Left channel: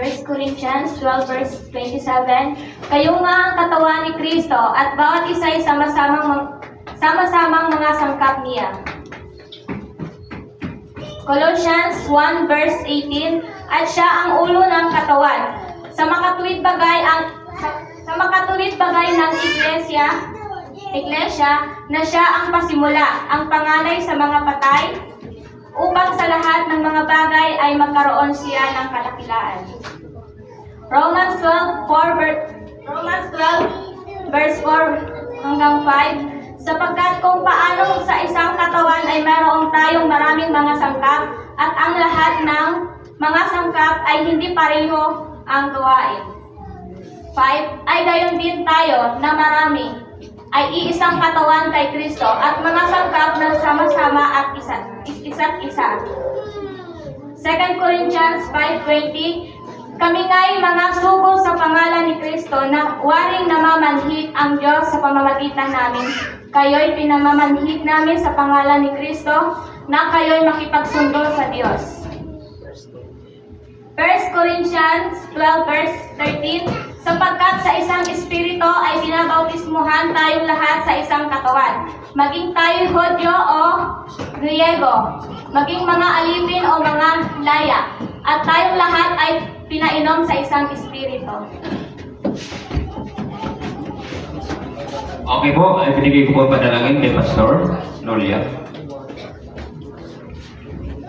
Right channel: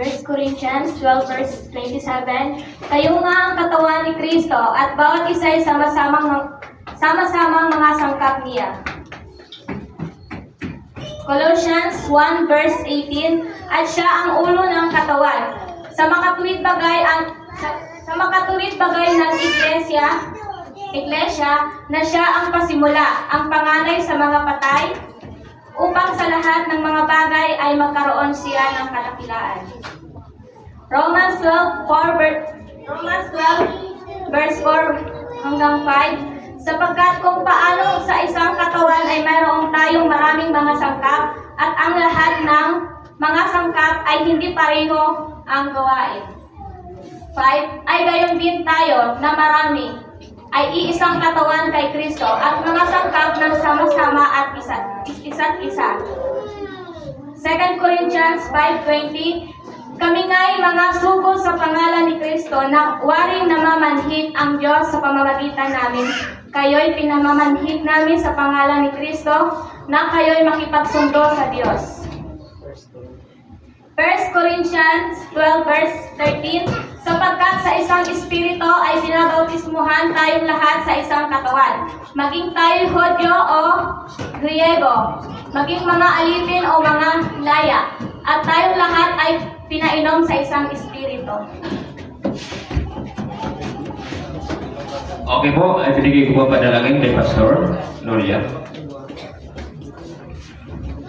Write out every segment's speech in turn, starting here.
1 Corinthians 12 verse 27, kayo nga ang katawan ni Kristo at bawat isa ay sama-samang mga sangkap niya. Colossians 1 verse 18, at siya ang ulo ng katawan. Sa makatuwid bagay ng iglesia na siya ang pasimula, ang panganay sa mga patay, upang sa lahat ng mga bagay ay magkaroon siya ng kadakilaan. Romans 12 verse 4 hanggang 5, sapagkat kung paano sa isang katawan ay mayroon tayong maraming mga sangkap at ang lahat ng mga sangkap ay hindi pareho ang gawain. 5, ay gayon din tayo na marami ay iisang katawan kay Kristo at mga sangkap na sama-sama at isa't isa. 2 Corinthians 5:20, kami nga'y mga sugo sa pangalan ni Kristo na waring namamanhid ang Diyos sa pamamagitan namin. Kayo'y pinamamanhid namin sa pangalan ni Kristo na kayo'y makipagsundo sa Diyos. 1 Corinthians 12 verse 13, sapagkat sa isang espiritu ay binabautismuhan tayong lahat sa isang katawan, maging tayo Hudyo o Griego, maging mga alipin o mga laya, at tayong lahat ay pinainom sa isang espiritu. Okay po, ay binigay ko po panalangin kay Pastor Nolia.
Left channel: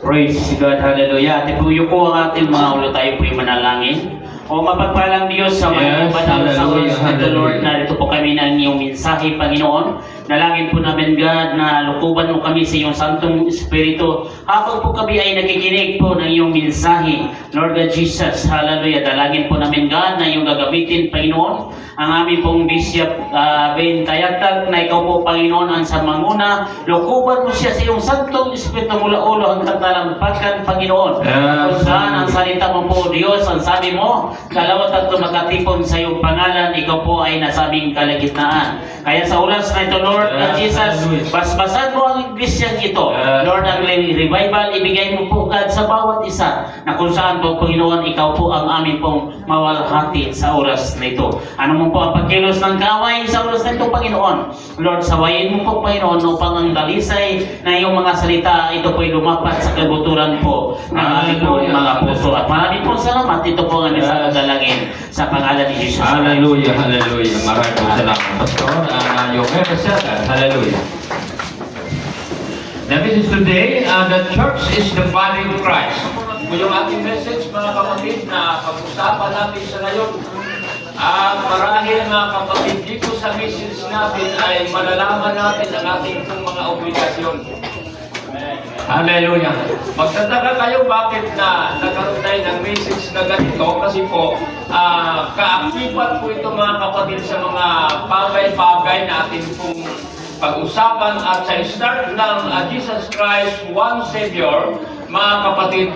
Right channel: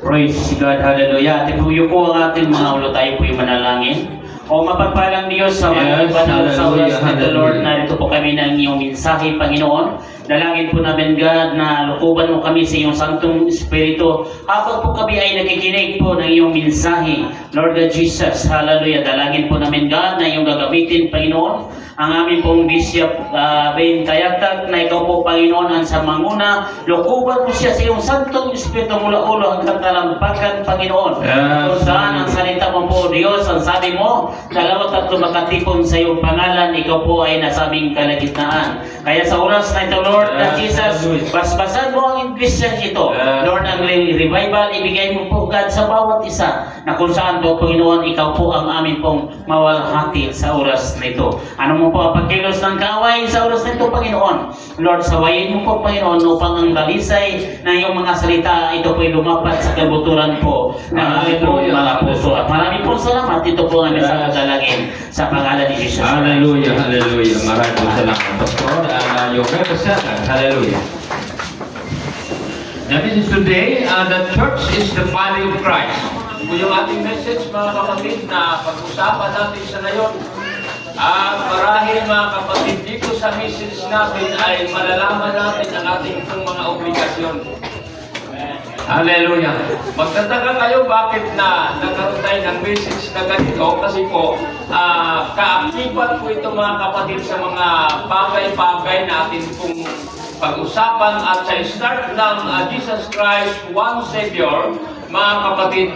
Praise God, hallelujah. Tipuyo po ang ating mga ulo, tayo po yung manalangin. O mapagpalang Diyos sa mga banal sa oras ng Lord, narito po kami ng iyong mensahe, Panginoon. Dalangin po namin, God, na lukuban mo kami sa iyong Santong Espiritu habang po kami ay nakikinig po ng iyong mensahe. Lord God Jesus, hallelujah. Dalangin po namin, God, na iyong gagamitin, Panginoon, ang aming pong Bishop Ben Tayagtag, na ikaw po, Panginoon, ang sa manguna. Lukuban mo siya sa iyong Santong Espiritu mula ulo hanggang talampakan, Panginoon. Kung saan ang salita mo po, Diyos, ang sabi mo, dalawat at makatipon sa iyong pangalan, ikaw po ay nasabing kalagitnaan. Kaya sa oras na ito, Lord Jesus, basbasan mo ang iglesyang ito. Lord, ang revival, ibigay mo po, God, sa bawat isa, na kung saan po, Panginoon, ikaw po ang aming pong mawalhati sa oras na ito. Ano mo po ang pagkilos ng kaway sa oras na ito, Panginoon? Lord, sawayin mo po, Panginoon, upang ang dalisay na iyong mga salita, ito po ay lumapat sa kabuturan po ng aming pong mga puso. At maraming po salamat. Ito po ang aming dalangin sa pangalan ni Jesus. Hallelujah, hallelujah. Maraming po salamat, Pastor. Yung represent, hallelujah. Now this is today, the church is the body of Christ. Yung ating message, mga kapatid, na pag-usapan natin sa ngayon. Marahil mga kapatid, dito sa message natin ay malalaman natin ang ating mga obligasyon. Hallelujah. Magtataka kayo bakit na nagkaroon tayo ng message na ganito, kasi po kaakibat po ito, mga kapatid, sa mga bagay-bagay na ating pong pag-usapan at sa start ng Jesus Christ, one Savior. Mga kapatid,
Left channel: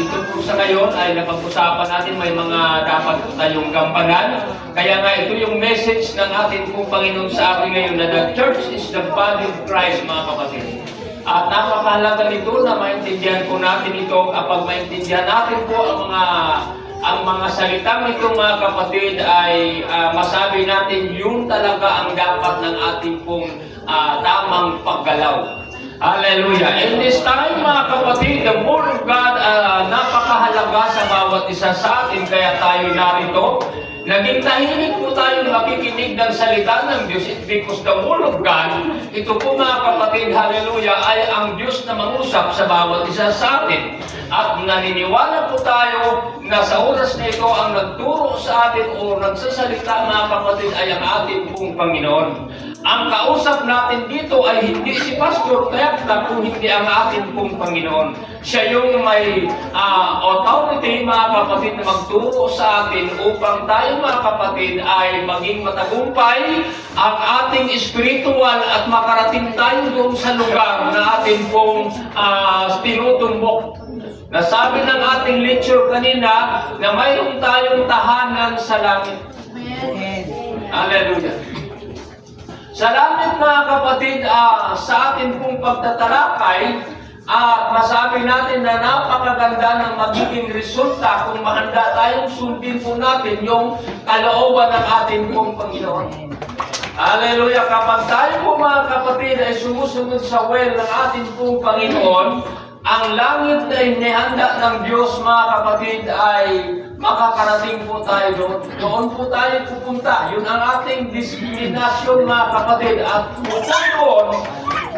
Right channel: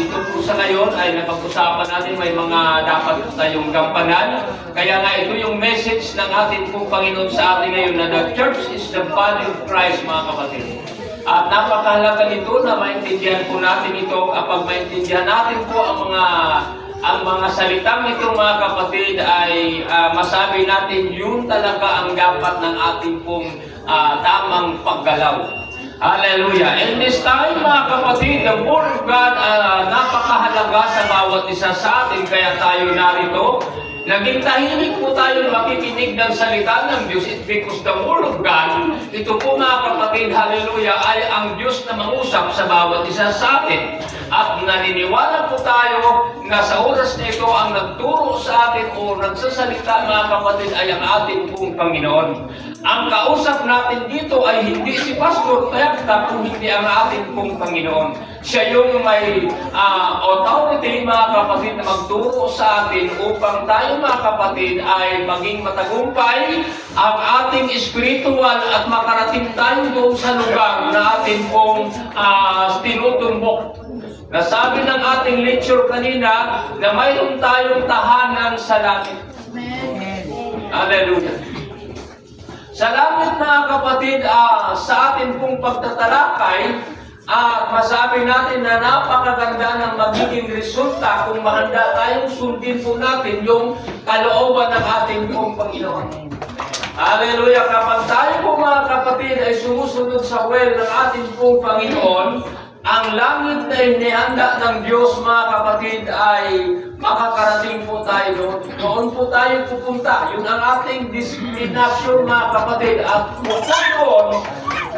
ito po sa ngayon ay napag-usapan natin, may mga dapat tayong gampanan. Kaya nga ito yung message ng ating pong Panginoon sa atin ngayon, na the church is the body of Christ, mga kapatid. At napakahalaga nito na maintindihan po natin ito. Kapag maintindihan natin po ang mga salitang ito, mga kapatid, ay masabi natin yung talaga ang dapat ng ating pong tamang paggalaw. Hallelujah. In this time, mga kapatid, the Word of God napakahalaga sa bawat isa sa atin. Kaya tayo narito. Naging tahimik po tayo makikinig ng salita ng Diyos. It's because the Word of God, ito po, mga kapatid, hallelujah, ay ang Diyos na mangusap sa bawat isa sa atin. At naniniwala po tayo na sa oras na ito, ang nagturo sa atin o nagsasalita, mga kapatid, ay ang ating pong Panginoon. Ang kausap natin dito ay hindi si Pastor Tayagtag, kung hindi ang ating pong Panginoon. Siya yung may authority, mga kapatid, na magturo sa atin upang tayo, mga kapatid, ay maging matagumpay ang ating spiritual at makarating tayo doon sa lugar na ating pong tinutumbok. Nasabi ng ating lecture kanina na mayroon tayong tahanan sa langit. Hallelujah. Sa langit, mga kapatid, sa ating pong pagtatalakay, At masabi natin na napakaganda ng magiging resulta kung mahanda tayong sundin po natin yung kalooban ng ating pong Panginoon. Hallelujah! Kapag tayo po mga kapatid ay sumusunod sa will ng ating pong Panginoon, ang langit na inihanda ng Diyos mga kapatid ay makakarating po tayo doon. Doon po tayo pupunta. Yun ang ating discrimination mga kapatid. At mula doon,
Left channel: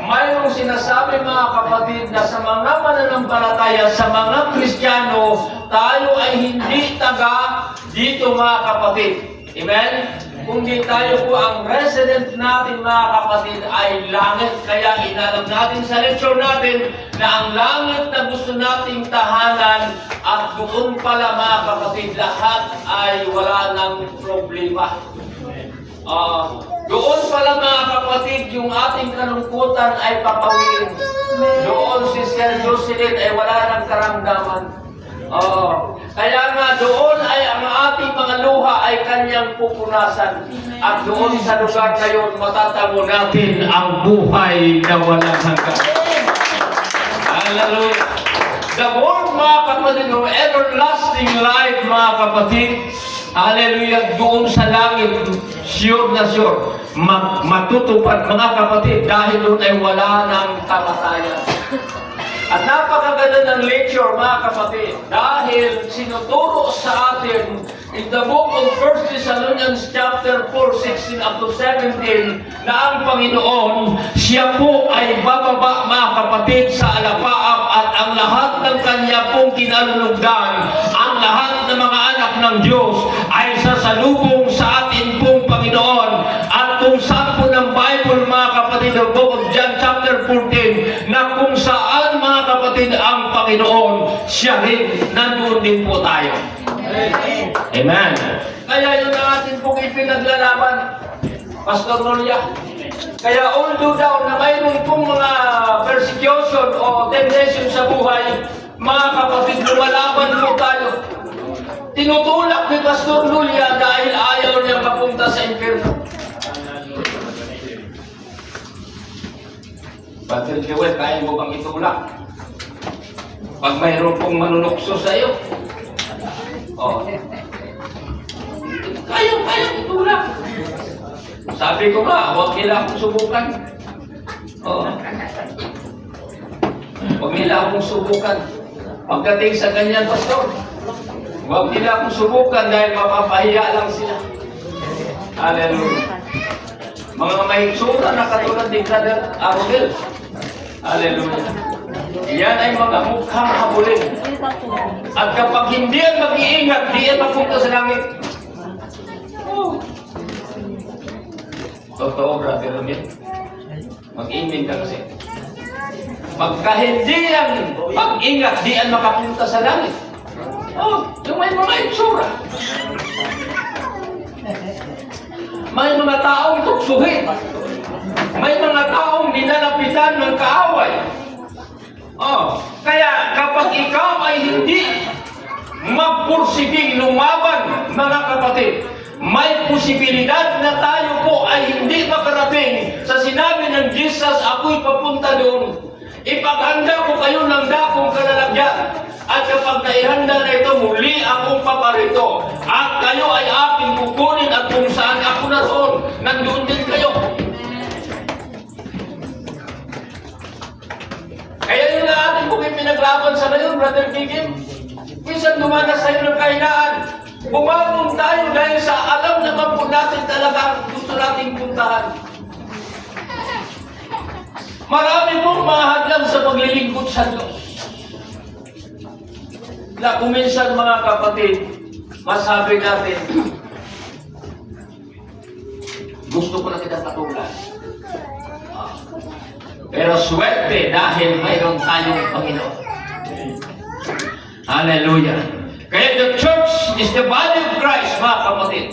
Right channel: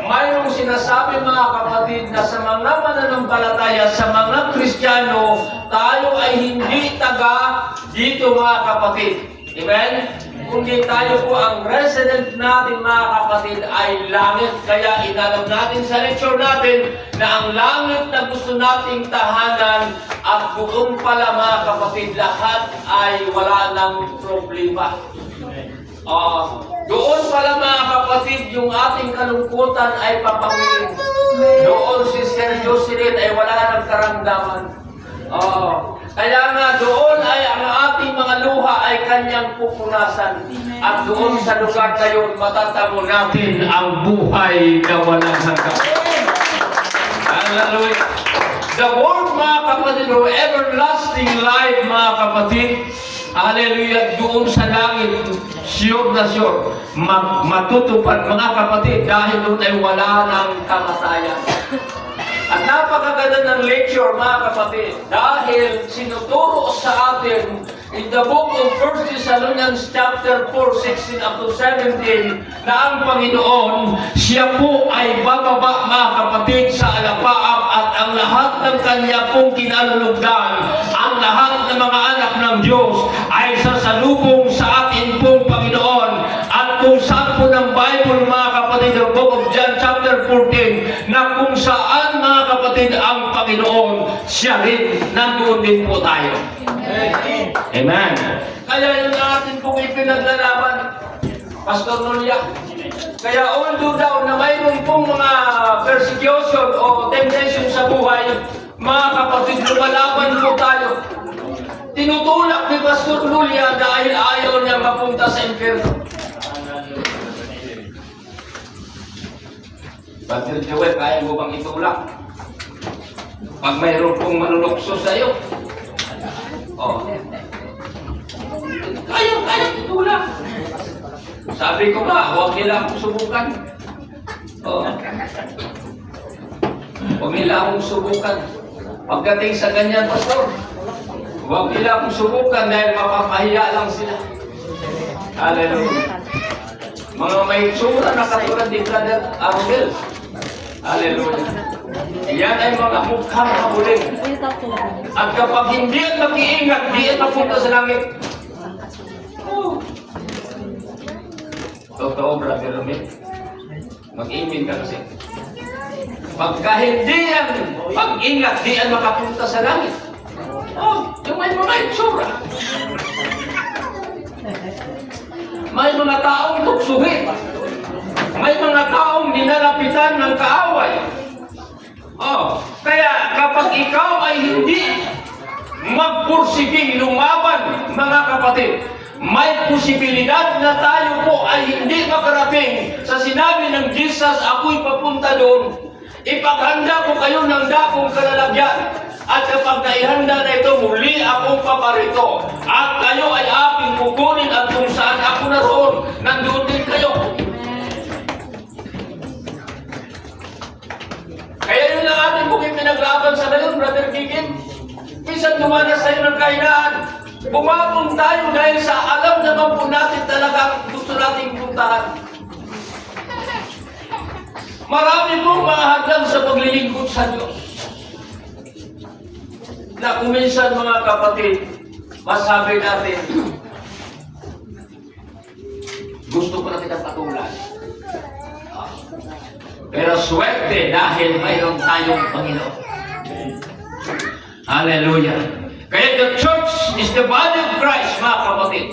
mayroong sinasabi mga kapatid na sa mga mananampalataya, sa mga Kristiyano, tayo ay hindi taga dito mga kapatid. Amen? Kundi tayo po ang resident natin mga kapatid ay langit. Kaya inalam natin sa lecture natin na ang langit na gusto nating tahanan at doon pala mga kapatid lahat ay wala ng problema. Doon pala mga kapatid yung ating kalungkutan ay papawin. Doon si Sister Jocelyn ay wala ng karamdaman. Kaya nga doon ay ang ating mga luha ay kanyang pupunasan. At doon sa lugar na yun, matatamo natin ang buhay na walang hanggan. Hallelujah! The word mga kapatid, o everlasting life mga kapatid, hallelujah, doon sa langit, sure na sure, matutupad mga kapatid dahil doon ay wala ng kamatayan. At napakaganda ng lecture mga kapatid dahil sinuturo sa atin in the book of 1 Thessalonians chapter 4, 16 up to 17 na ang Panginoon, siya po ay bababa mga kapatid sa alapaap at ang lahat ng kanya pong kinalulugdan, ang lahat ng mga anak ng Diyos ay sasalubong sa atin pong Panginoon. At kung saan po ng Bible mga kapatid, the book of John chapter 14 na kung saan mga kapatid ang Panginoon, siya din, nandoon din po tayo. Amen. Kaya yun ang atin pong ipinaglalaban, Pastor Nolia. Kaya although daw na mayroon pong mga persecution o temptation sa buhay, mga kapatid, lumalaban po tayo. Tinutulak ni Pastor Nolia dahil ayaw niya mapunta sa impyerno. Pastor Joel, kaya mo bang itulak? Pag mayroon pong manunukso sa iyo, kaya itulak. Sabi ko ba, huwag nila akong subukan. Huwag nila akong subukan. Pagdating sa ganyan, Pastor, huwag nila akong subukan dahil mapapahiya lang sila. Hallelujah. Mga may tsura na katulad ni Brother Aromel. Hallelujah. Yan ay mga mukhang kabuling. At kapag hindi yan mag-iingat, di yan mapunta sa langit. Totoo, Brother Aromel. Mag-imin ka kasi. Pagka hindi yan mag-ingat, di yan makapunta sa langit. Yung may mga itsura. May mga taong tuksuhin. May mga taong dinalapitan ng kaaway. Kaya kapag ikaw ay hindi magpursiging lumaban, mga kapatid, may posibilidad na tayo po ay hindi makarating sa sinabi ng Jesus, ako'y papunta doon. Ipaghanda ko kayo ng dakong kalalagyan. At kapag naihanda na ito, muli akong paparito. At kayo ay aking kukunin at kung saan ako naroon, nandun din kayo. Kaya yun na ating kung pinaglaban sa ngayon, Brother Kikim. Minsan dumanas sa'yo ng kahinaan. Bumangon tayo dahil sa alam naman po natin talaga gusto nating puntahan. Marami pong mga hadlang sa paglilingkod sa Diyos. Na kuminsan mga kapatid, masabi natin, gusto ko na kitang patulan. Pero swerte dahil mayroon tayong Panginoon. Hallelujah. Kaya the church is the body of Christ, mga kapatid.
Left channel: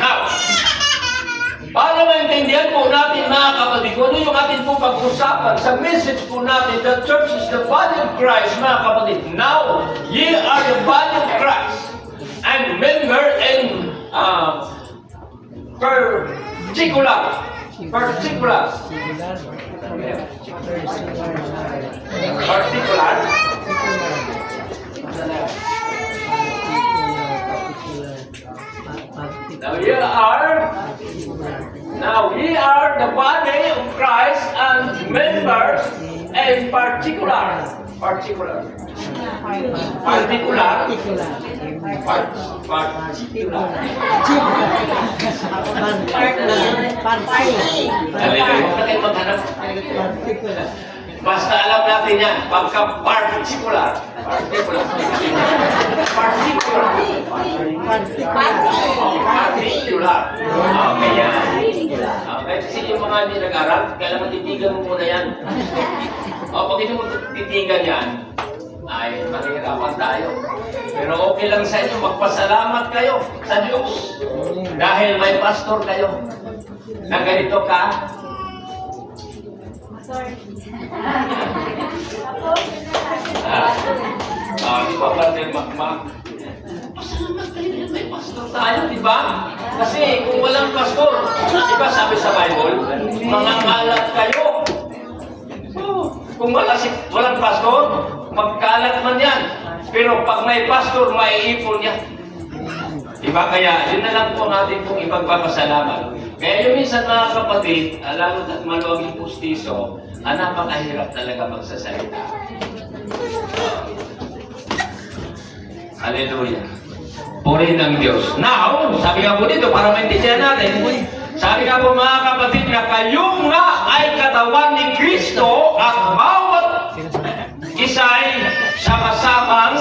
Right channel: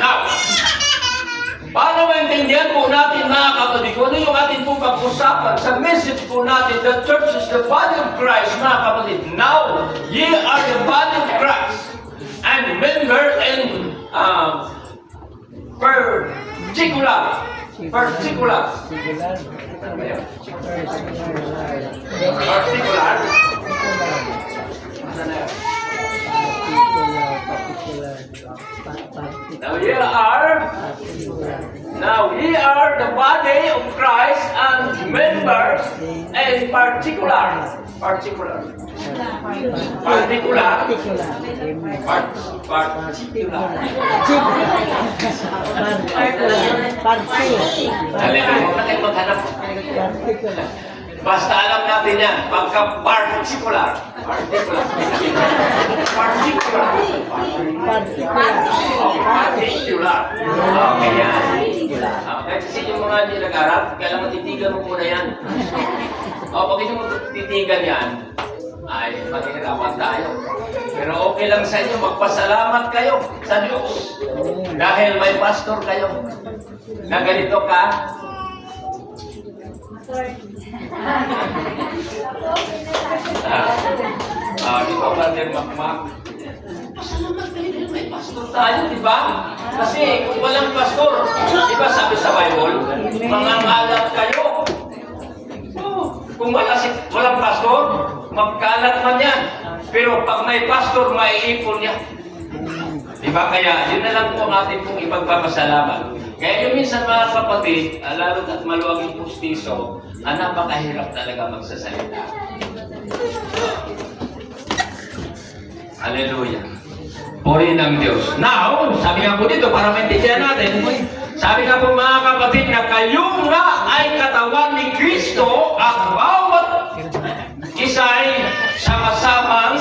Now, paano maintindihan po natin mga kapatid, kung ano yung ating pong pag-usapan sa message po natin, the church is the body of Christ, mga kapatid. Now, ye are the body of Christ, and member in particular, Particular. Now we are the body of Christ and members in particular. Particular. Particular. Basta alam natin yan, pagka-particular. Particular. Particular. Particular. Okay yan. Okay, kasi yung mga hindi nag-aral, kaya matitigan mo muna yan. O, pag hindi mo titigan yan, ay mahirapan tayo. Pero okay lang sa inyo, magpasalamat kayo sa Diyos. Dahil may pastor kayo na ganito ka. Di ba, Brother Makmak? Pasalamat kayo, may pastor tayo, di ba? Kasi kung walang pastor, di ba sabi sa Bible, mangangalat kayo. Kung walang pastor, magkalat man yan. Pero pag may pastor, maiipon yan. Diba? Kaya yun na lang po natin pong ipagpapasalamat. Kaya yung minsan mga kapatid, lalo at maluwag yung pustiso, napakahirap talaga magsasalita. Hallelujah. Puri ng Diyos. Now, sabi nga po dito, para maintindihan natin, sabi nga po mga kapatid na kayo nga ay katawan ni Kristo at bawat isa ay sama-samang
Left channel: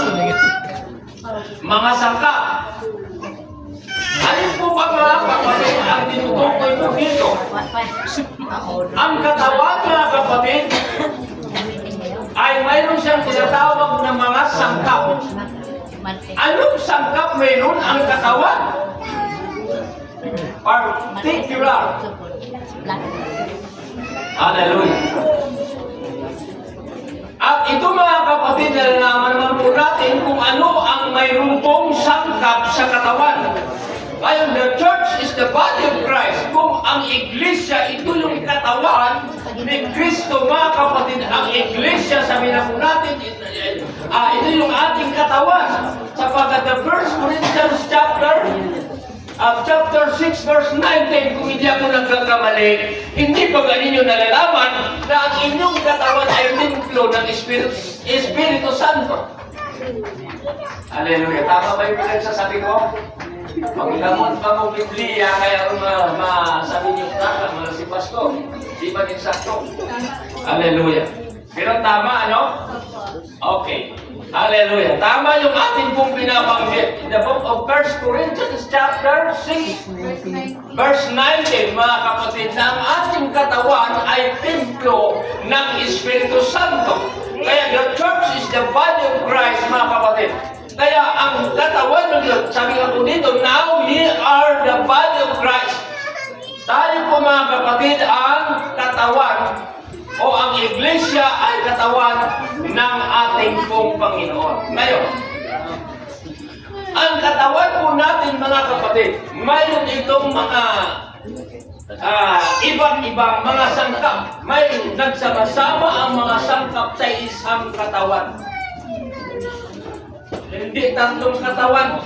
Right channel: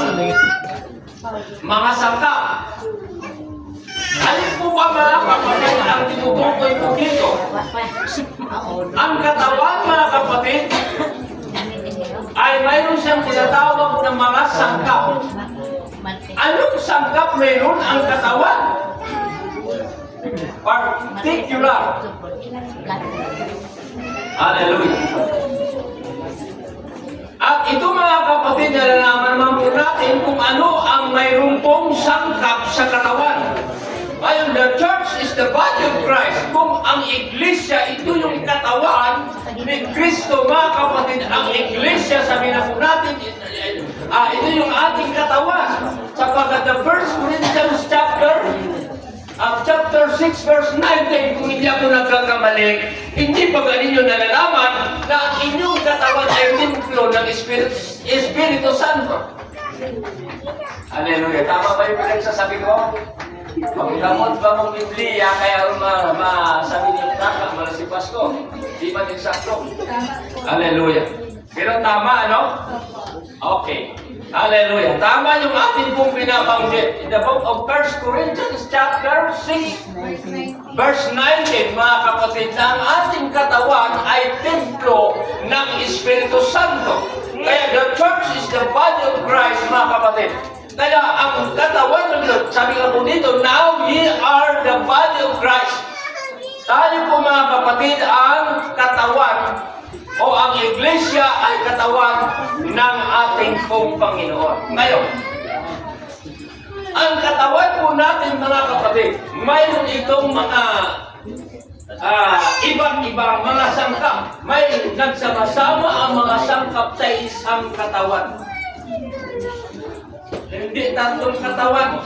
mga sangka. Ano po ba mga kapatid ang tinutukoy po dito? Ang katawan mga kapatid ay mayroon siyang tinatawag ng mga sangkap. Anong sangkap mayroon ang katawan? Particular. Hallelujah. At ito mga kapatid, nalalaman naman po natin kung ano ang mayroon pong sangkap sa katawan. While the church is the body of Christ, kung ang iglesia, ito yung katawan ni Kristo mga kapatid, ang iglesia, sabi na po natin, ito yung ating katawan. Sapagkat the 1 Corinthians chapter 6 verse 19, kung hindi ako nagkakamali, hindi ba ganinyo nalalaman na ang inyong katawan ay templo ng Espiritu Santo? Hallelujah. Tama ba yung pinagsasabi ko? Pagkamot ba mong Biblia, kaya masabi niyo tama, si Pastor. Di ba din sakto? Hallelujah. Pero tama, ano? Okay. Hallelujah. Tama yung ating pong binabanggit. In the book of 1 Corinthians chapter 6, verse 19, mga kapatid, na ang ating katawan ay templo ng Espiritu Santo. Kaya the church is the body of Christ, mga kapatid. Kaya ang katawan ng Lord, sabi nga po dito, now ye are the body of Christ. Tayo po mga kapatid ang katawan o ang iglesia ay katawan ng ating pong Panginoon. Ngayon, ang katawan po natin mga kapatid, mayroon itong mga ibang-ibang mga sangkap. May nagsama-sama ang mga sangkap sa isang katawan. Hindi tatlong katawan.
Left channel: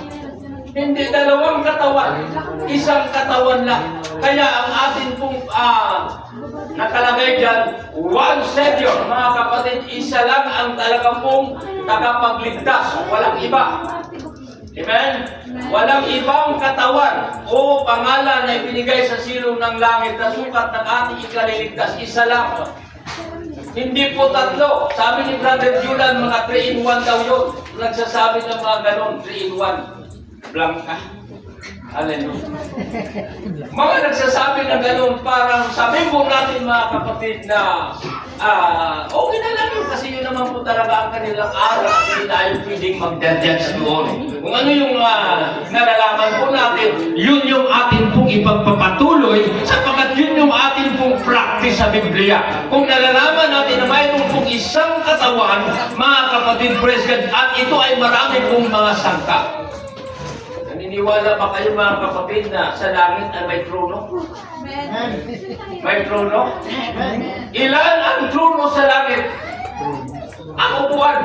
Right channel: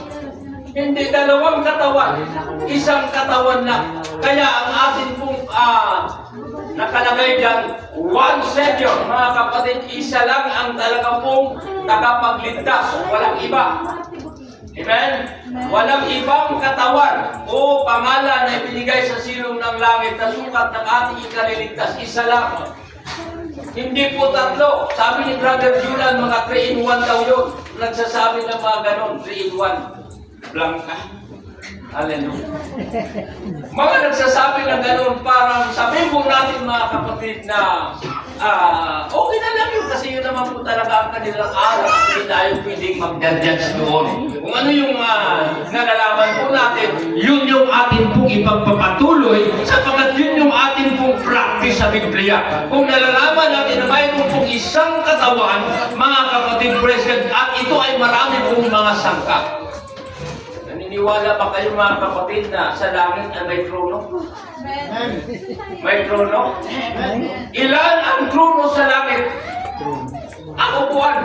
Hindi dalawang katawan. Isang katawan lang. Kaya ang atin pong nakalagay dyan, one Savior. Mga kapatid, isa lang ang talagang pong tagapagligtas. Walang iba. Amen? Walang ibang katawan o pangalan na ibinigay sa silong ng langit na sukat ng ating ikaliligtas. Isa lang. Hindi po tatlo. Sabi ni Brother Julian, mga 3-in-1 daw yun. Nagsasabi ng mga ganon, 3-in-1. Blanca. Hallelujah. Mga nagsasabi ng ganon, parang sabi po natin mga kapatid na okay na lang yun kasi yun naman po talaga ang kanilang araw at hindi tayo pwedeng mag-judge doon. Kung ano yung nalalaman po natin, yun yung atin pong ipagpapatuloy sapagkat yun yung atin pong practice sa Biblia. Kung nalalaman natin na mayroon pong isang katawan, mga kapatid, praise God, at ito ay marami pong mga sangkap. Naniniwala ba kayo mga kapatid na sa langit ay may trono? May trono? Ilan ang trono sa langit? Ang upuan.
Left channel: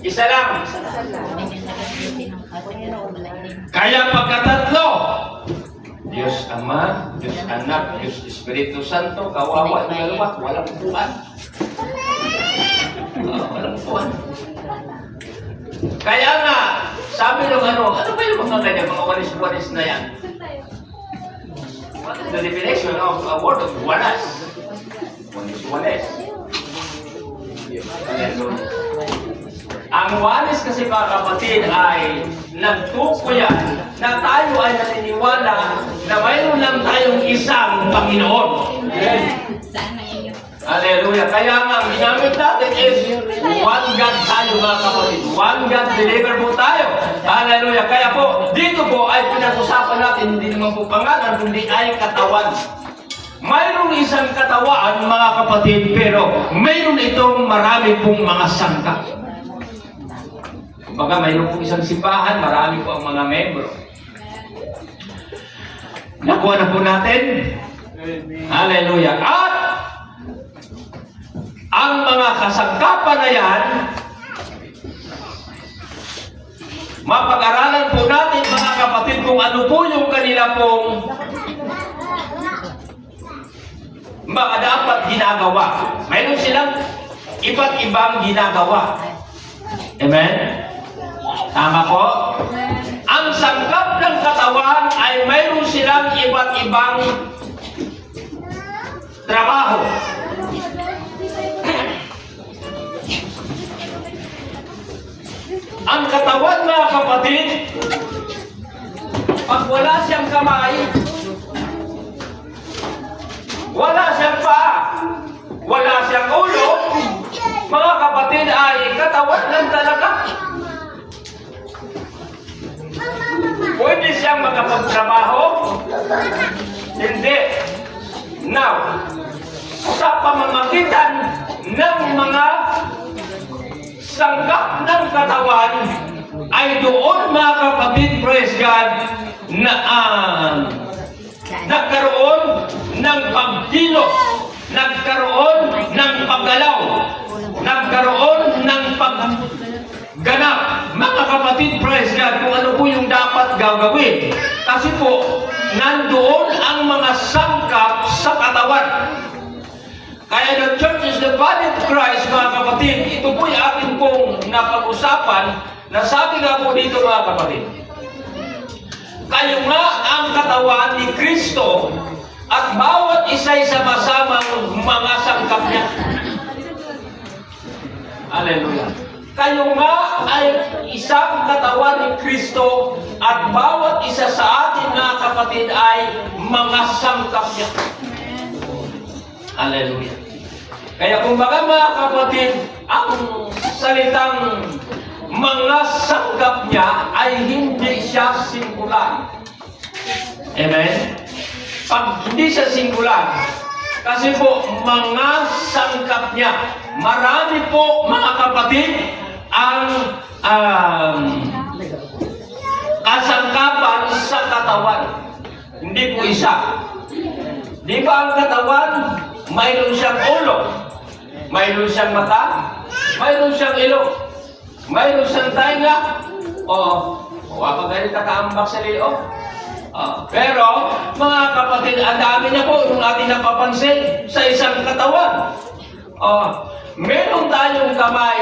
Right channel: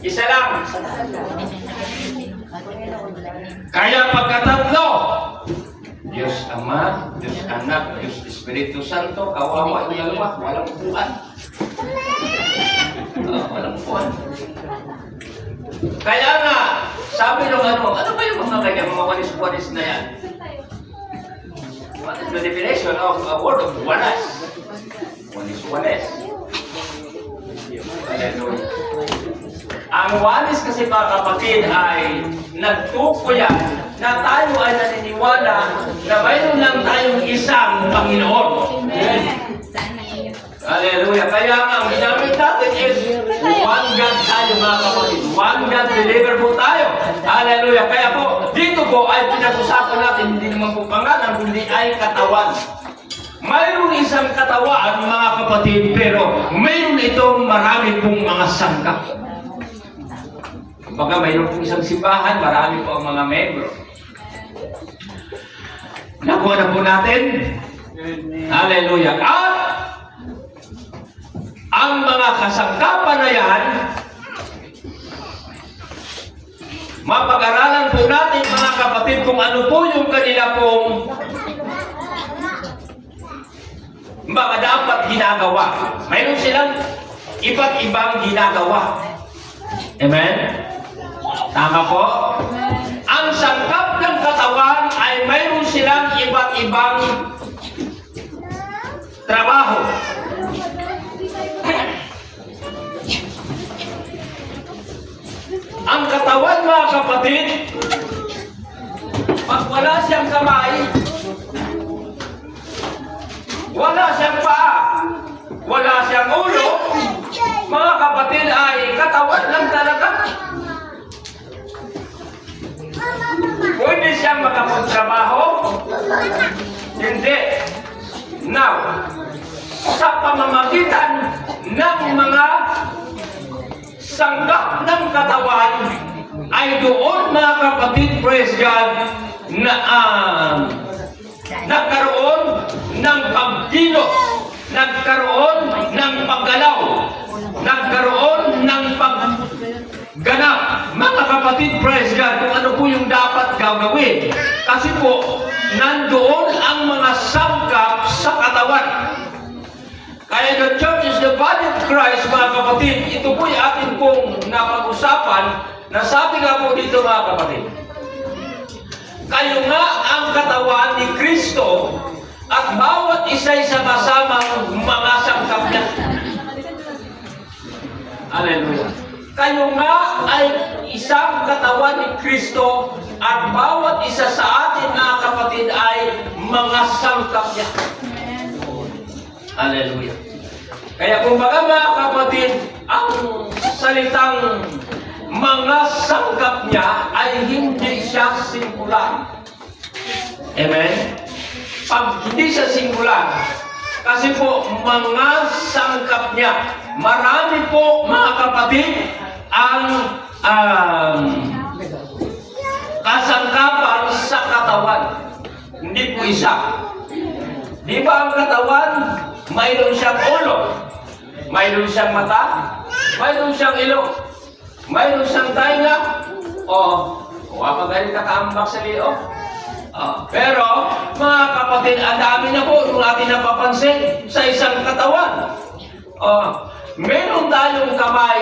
Isa lang. Kaya pagkatatlo, Diyos Ama, Diyos Anak, Diyos Espiritu Santo, kawawa ng dalawa, walang upuan. Walang upuan. Kaya nga, sabi nung ano ba yung mga ganyan, mga walis-walis na yan? What is the definition of a word of walas? Walis-walis. Hallelujah. Ang walis kasi mga kapatid ay nagtukuyan na tayo ay naniniwala na mayroon lang tayong isang Panginoon. Hallelujah. Kaya nga, ang ginamit natin is one God tayo mga kapatid. One God believer po tayo. Hallelujah. Kaya po, dito po ay pinag-usapan natin, hindi naman po pangalan, hindi ay katawan. Mayroong isang katawan mga kapatid, pero mayroon itong marami pong mga sangkap. Kumbaga, mayroon pong isang simbahan, marami po ang mga membro. Nakuha na po natin. Hallelujah. At ang mga kasangkapan na yan, mapag-aralan po natin mga kapatid kung ano po yung kanila pong mga dapat ginagawa. Mayroon silang iba't ibang ginagawa. Amen? Tama po? Ang sangkap ng katawan ay mayroon silang iba't ibang trabaho. Ang katawan mga kapatid, pag wala siyang kamay, wala siyang paa, wala siyang ulo, mga kapatid ay katawan lang talaga. Pwede siyang makapagtrabaho? Hindi. Now, sa pamamagitan ng mga sangkap ng katawan ay doon mga kapatid, praise God, na nagkaroon ng pagkilos, nagkaroon ng paggalaw, nagkaroon ng pagganap. Mga kapatid, praise God, kung ano po yung dapat gagawin. Kasi po, nandoon ang mga sangkap sa katawan. Kaya the church is the body of Christ, mga kapatid. Ito po yung atin pong napag-usapan na sabi nga po dito mga kapatid. Kayo nga ang katawan ni Kristo at bawat isa'y sama-samang mga sangkap niya. Hallelujah. Kayo nga ay isang katawan ni Kristo at bawat isa sa atin mga kapatid ay mga sangkap niya. Hallelujah. Kaya kung baka mga kapatid, ang salitang mga sangkap niya ay hindi siya singular. Amen? Pag hindi siya singular, kasi po mga sangkap niya, marami po mga kapatid ang kasangkapan sa katawan. Hindi po isa. Di ba ang katawan, mayroon siyang ulo, mayroon siyang mata, mayroon siyang ilong, mayroon siyang tainga, wala pa kakaambak sa liyo. Pero, mga kapatid, ang dami na po yung ating napapansin sa isang katawan. Meron tayong kamay,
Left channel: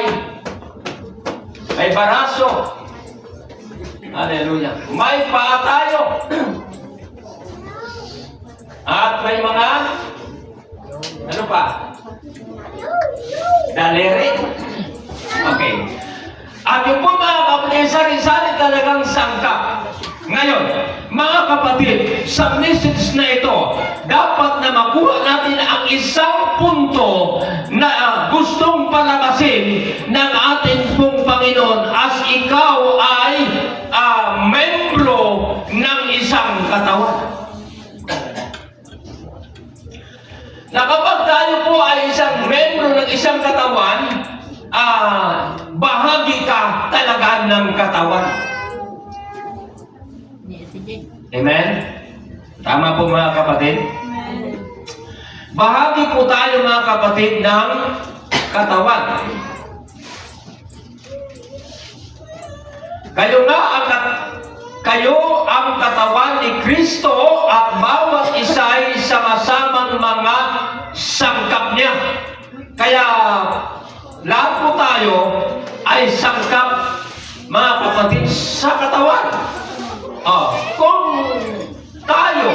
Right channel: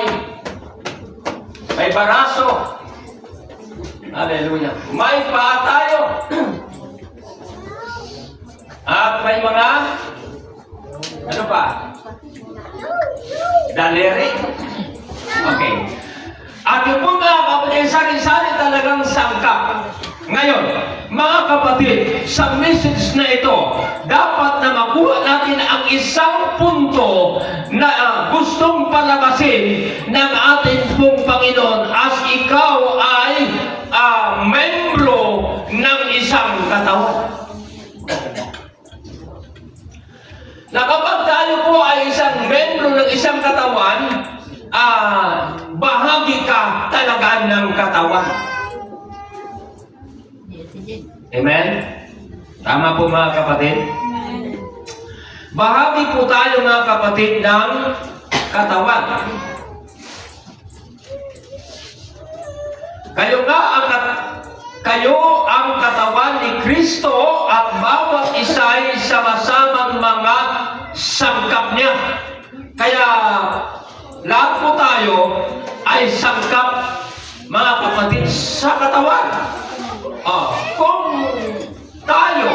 may baraso, hallelujah, may paa tayo, at may mga, ano pa? Daliri. Okay. At yung po mga kapatid, sari-sari talagang sangkap. Ngayon, mga kapatid, sa message na ito, dapat na makuha natin ang isang punto na gustong palakasin ng ating pong Panginoon as ikaw ay membro ng isang katawan. Na kapag tayo po ay isang membro ng isang katawan, bahagi ka talaga ng katawan. Amen? Tama po mga kapatid? Bahagi po tayo mga kapatid ng katawan. Kayo ang katawan ni Kristo at bawat isa ay sama-samang mga sangkap niya. Kaya lahat po tayo ay sangkap mga kapatid sa katawan. Kung tayo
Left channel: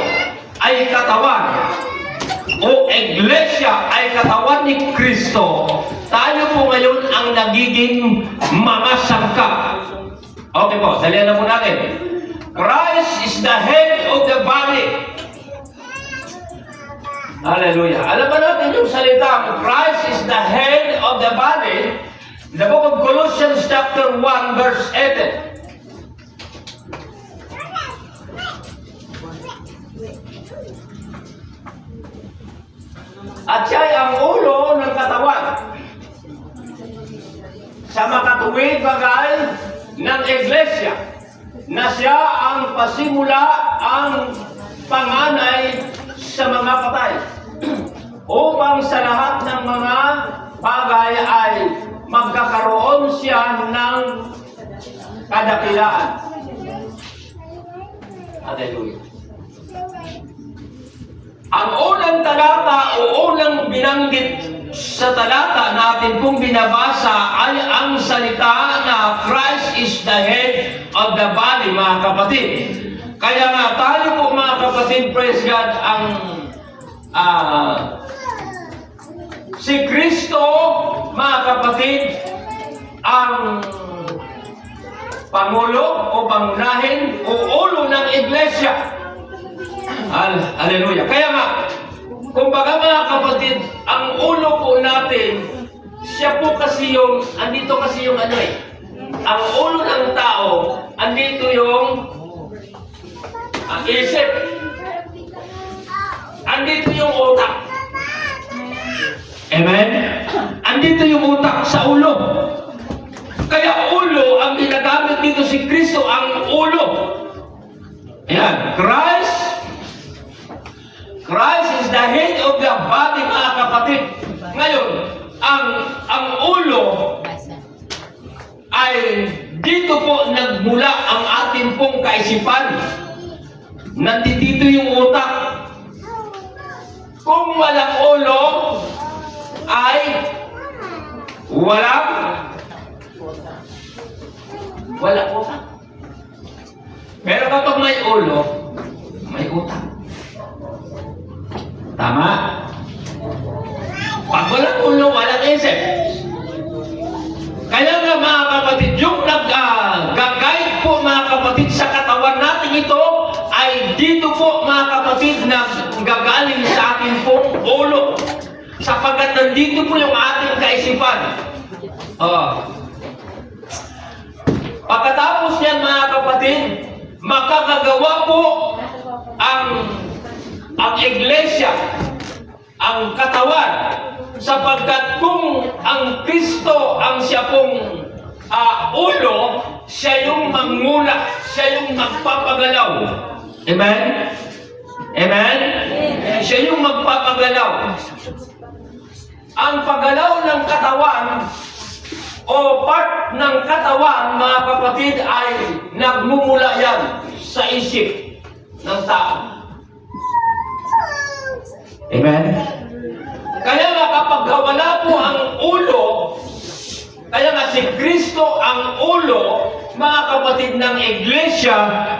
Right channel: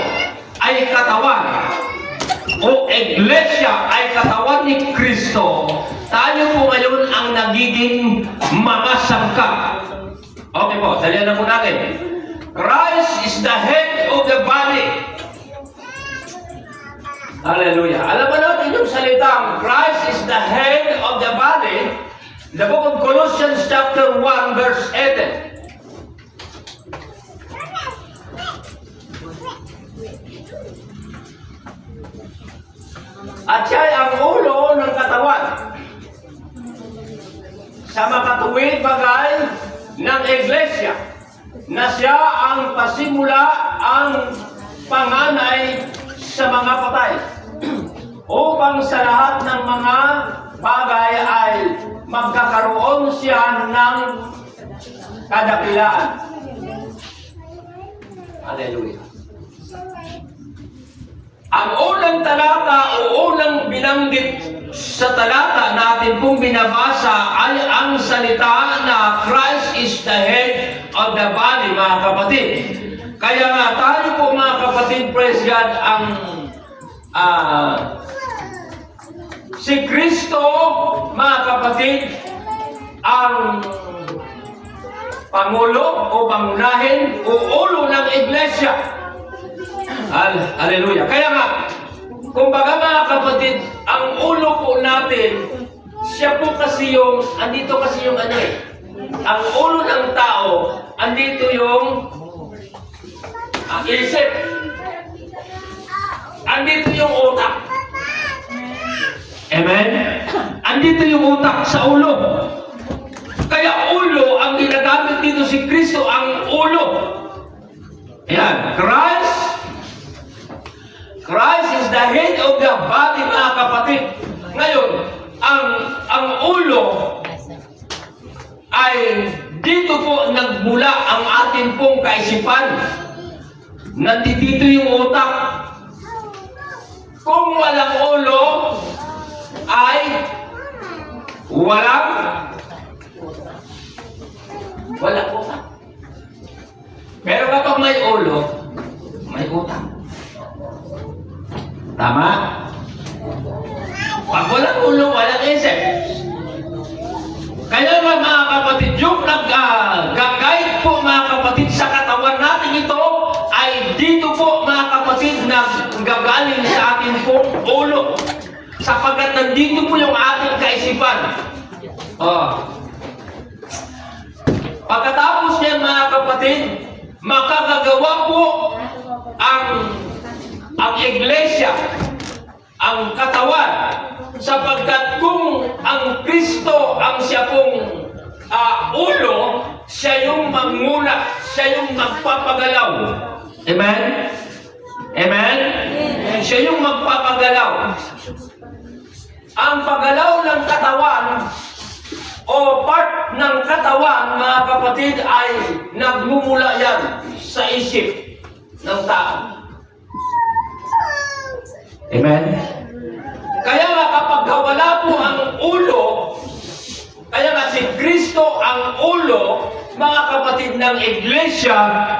ay katawan o iglesia ay katawan ni Kristo, tayo po ngayon ang nagiging mga sangkap. Okay po, salihan na po natin. Christ is the head of the body. Hallelujah. Alam ba natin yung salitang Christ is the head of the body? The book of Colossians chapter 1 verse 8. At siya ay ang ulo ng katawan sa makatuwid bagay ng iglesia, na siya ang pasimula, ang panganay sa mga patay, upang sa lahat ng mga bagay ay magkakaroon siya ng kadakilaan. Hallelujah. Ang unang talata o unang binanggit sa talata natin kung binabasa ay ang salita na Christ is the head of the body, mga kapatid. Kaya nga tayo po mga kapatid, praise God, ang si Kristo, mga kapatid, ang pangulo o pangunahin o ulo ng iglesia. Hallelujah. Kaya nga, kumbaga mga kapatid, ang ulo po natin, siya po kasi yung, andito kasi yung ano eh, ang ulo ng tao, andito yung isip. Andito yung utak. Amen? Andito yung utak sa ulo. Kaya ulo, ang ginagamit dito si Kristo, ang ulo. Ayan, Christ is the head of the body, mga kapatid. Ngayon, ang ulo ay dito po nagmula ang ating pong kaisipan. Nandito yung utak. Kung walang ulo, ay walang utak. Pero kapag may ulo, may utak. Tama? Pag walang ulo, walang isip. Kaya nga mga kapatid, yung nag-guide po mga kapatid sa katawan natin ito, ay dito po mga kapatid nag-gagaling sa ating pong ulo. Sapagkat nandito po yung ating kaisipan. Pagkatapos yan mga kapatid, makakagawa po ang iglesia, ang katawan, sapagkat kung ang Kristo ang siya pong ulo, siya yung manguna, siya yung magpapagalaw. Amen? Amen? Siya yung magpapagalaw. Ang paggalaw ng katawan o part ng katawan, mga kapatid, ay nagmumula yan sa isip ng tao. Amen? Kaya nga kapag wala po ang ulo, kaya nga si Kristo ang ulo, mga kapatid ng iglesia,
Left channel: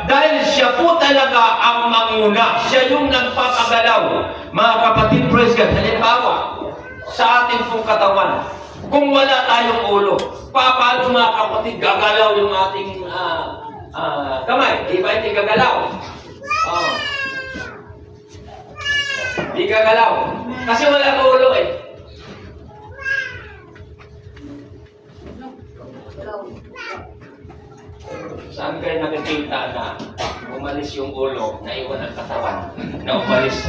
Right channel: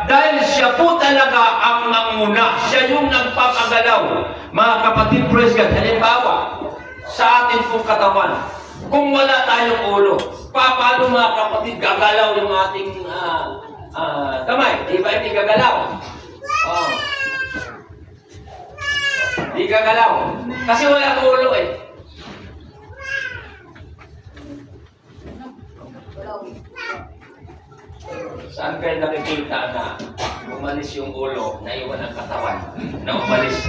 dahil siya po talaga ang manguna. Siya yung nagpapagalaw. Mga kapatid, praise God. Halimbawa, sa ating pong katawan, kung wala tayong ulo, paano mga kapatid gagalaw yung ating kamay? Di ba hindi gagalaw? Di gagalaw. Kasi wala ulo eh. Saan kayo nakikita na umalis yung ulo, naiwan ang katawan, na umalis?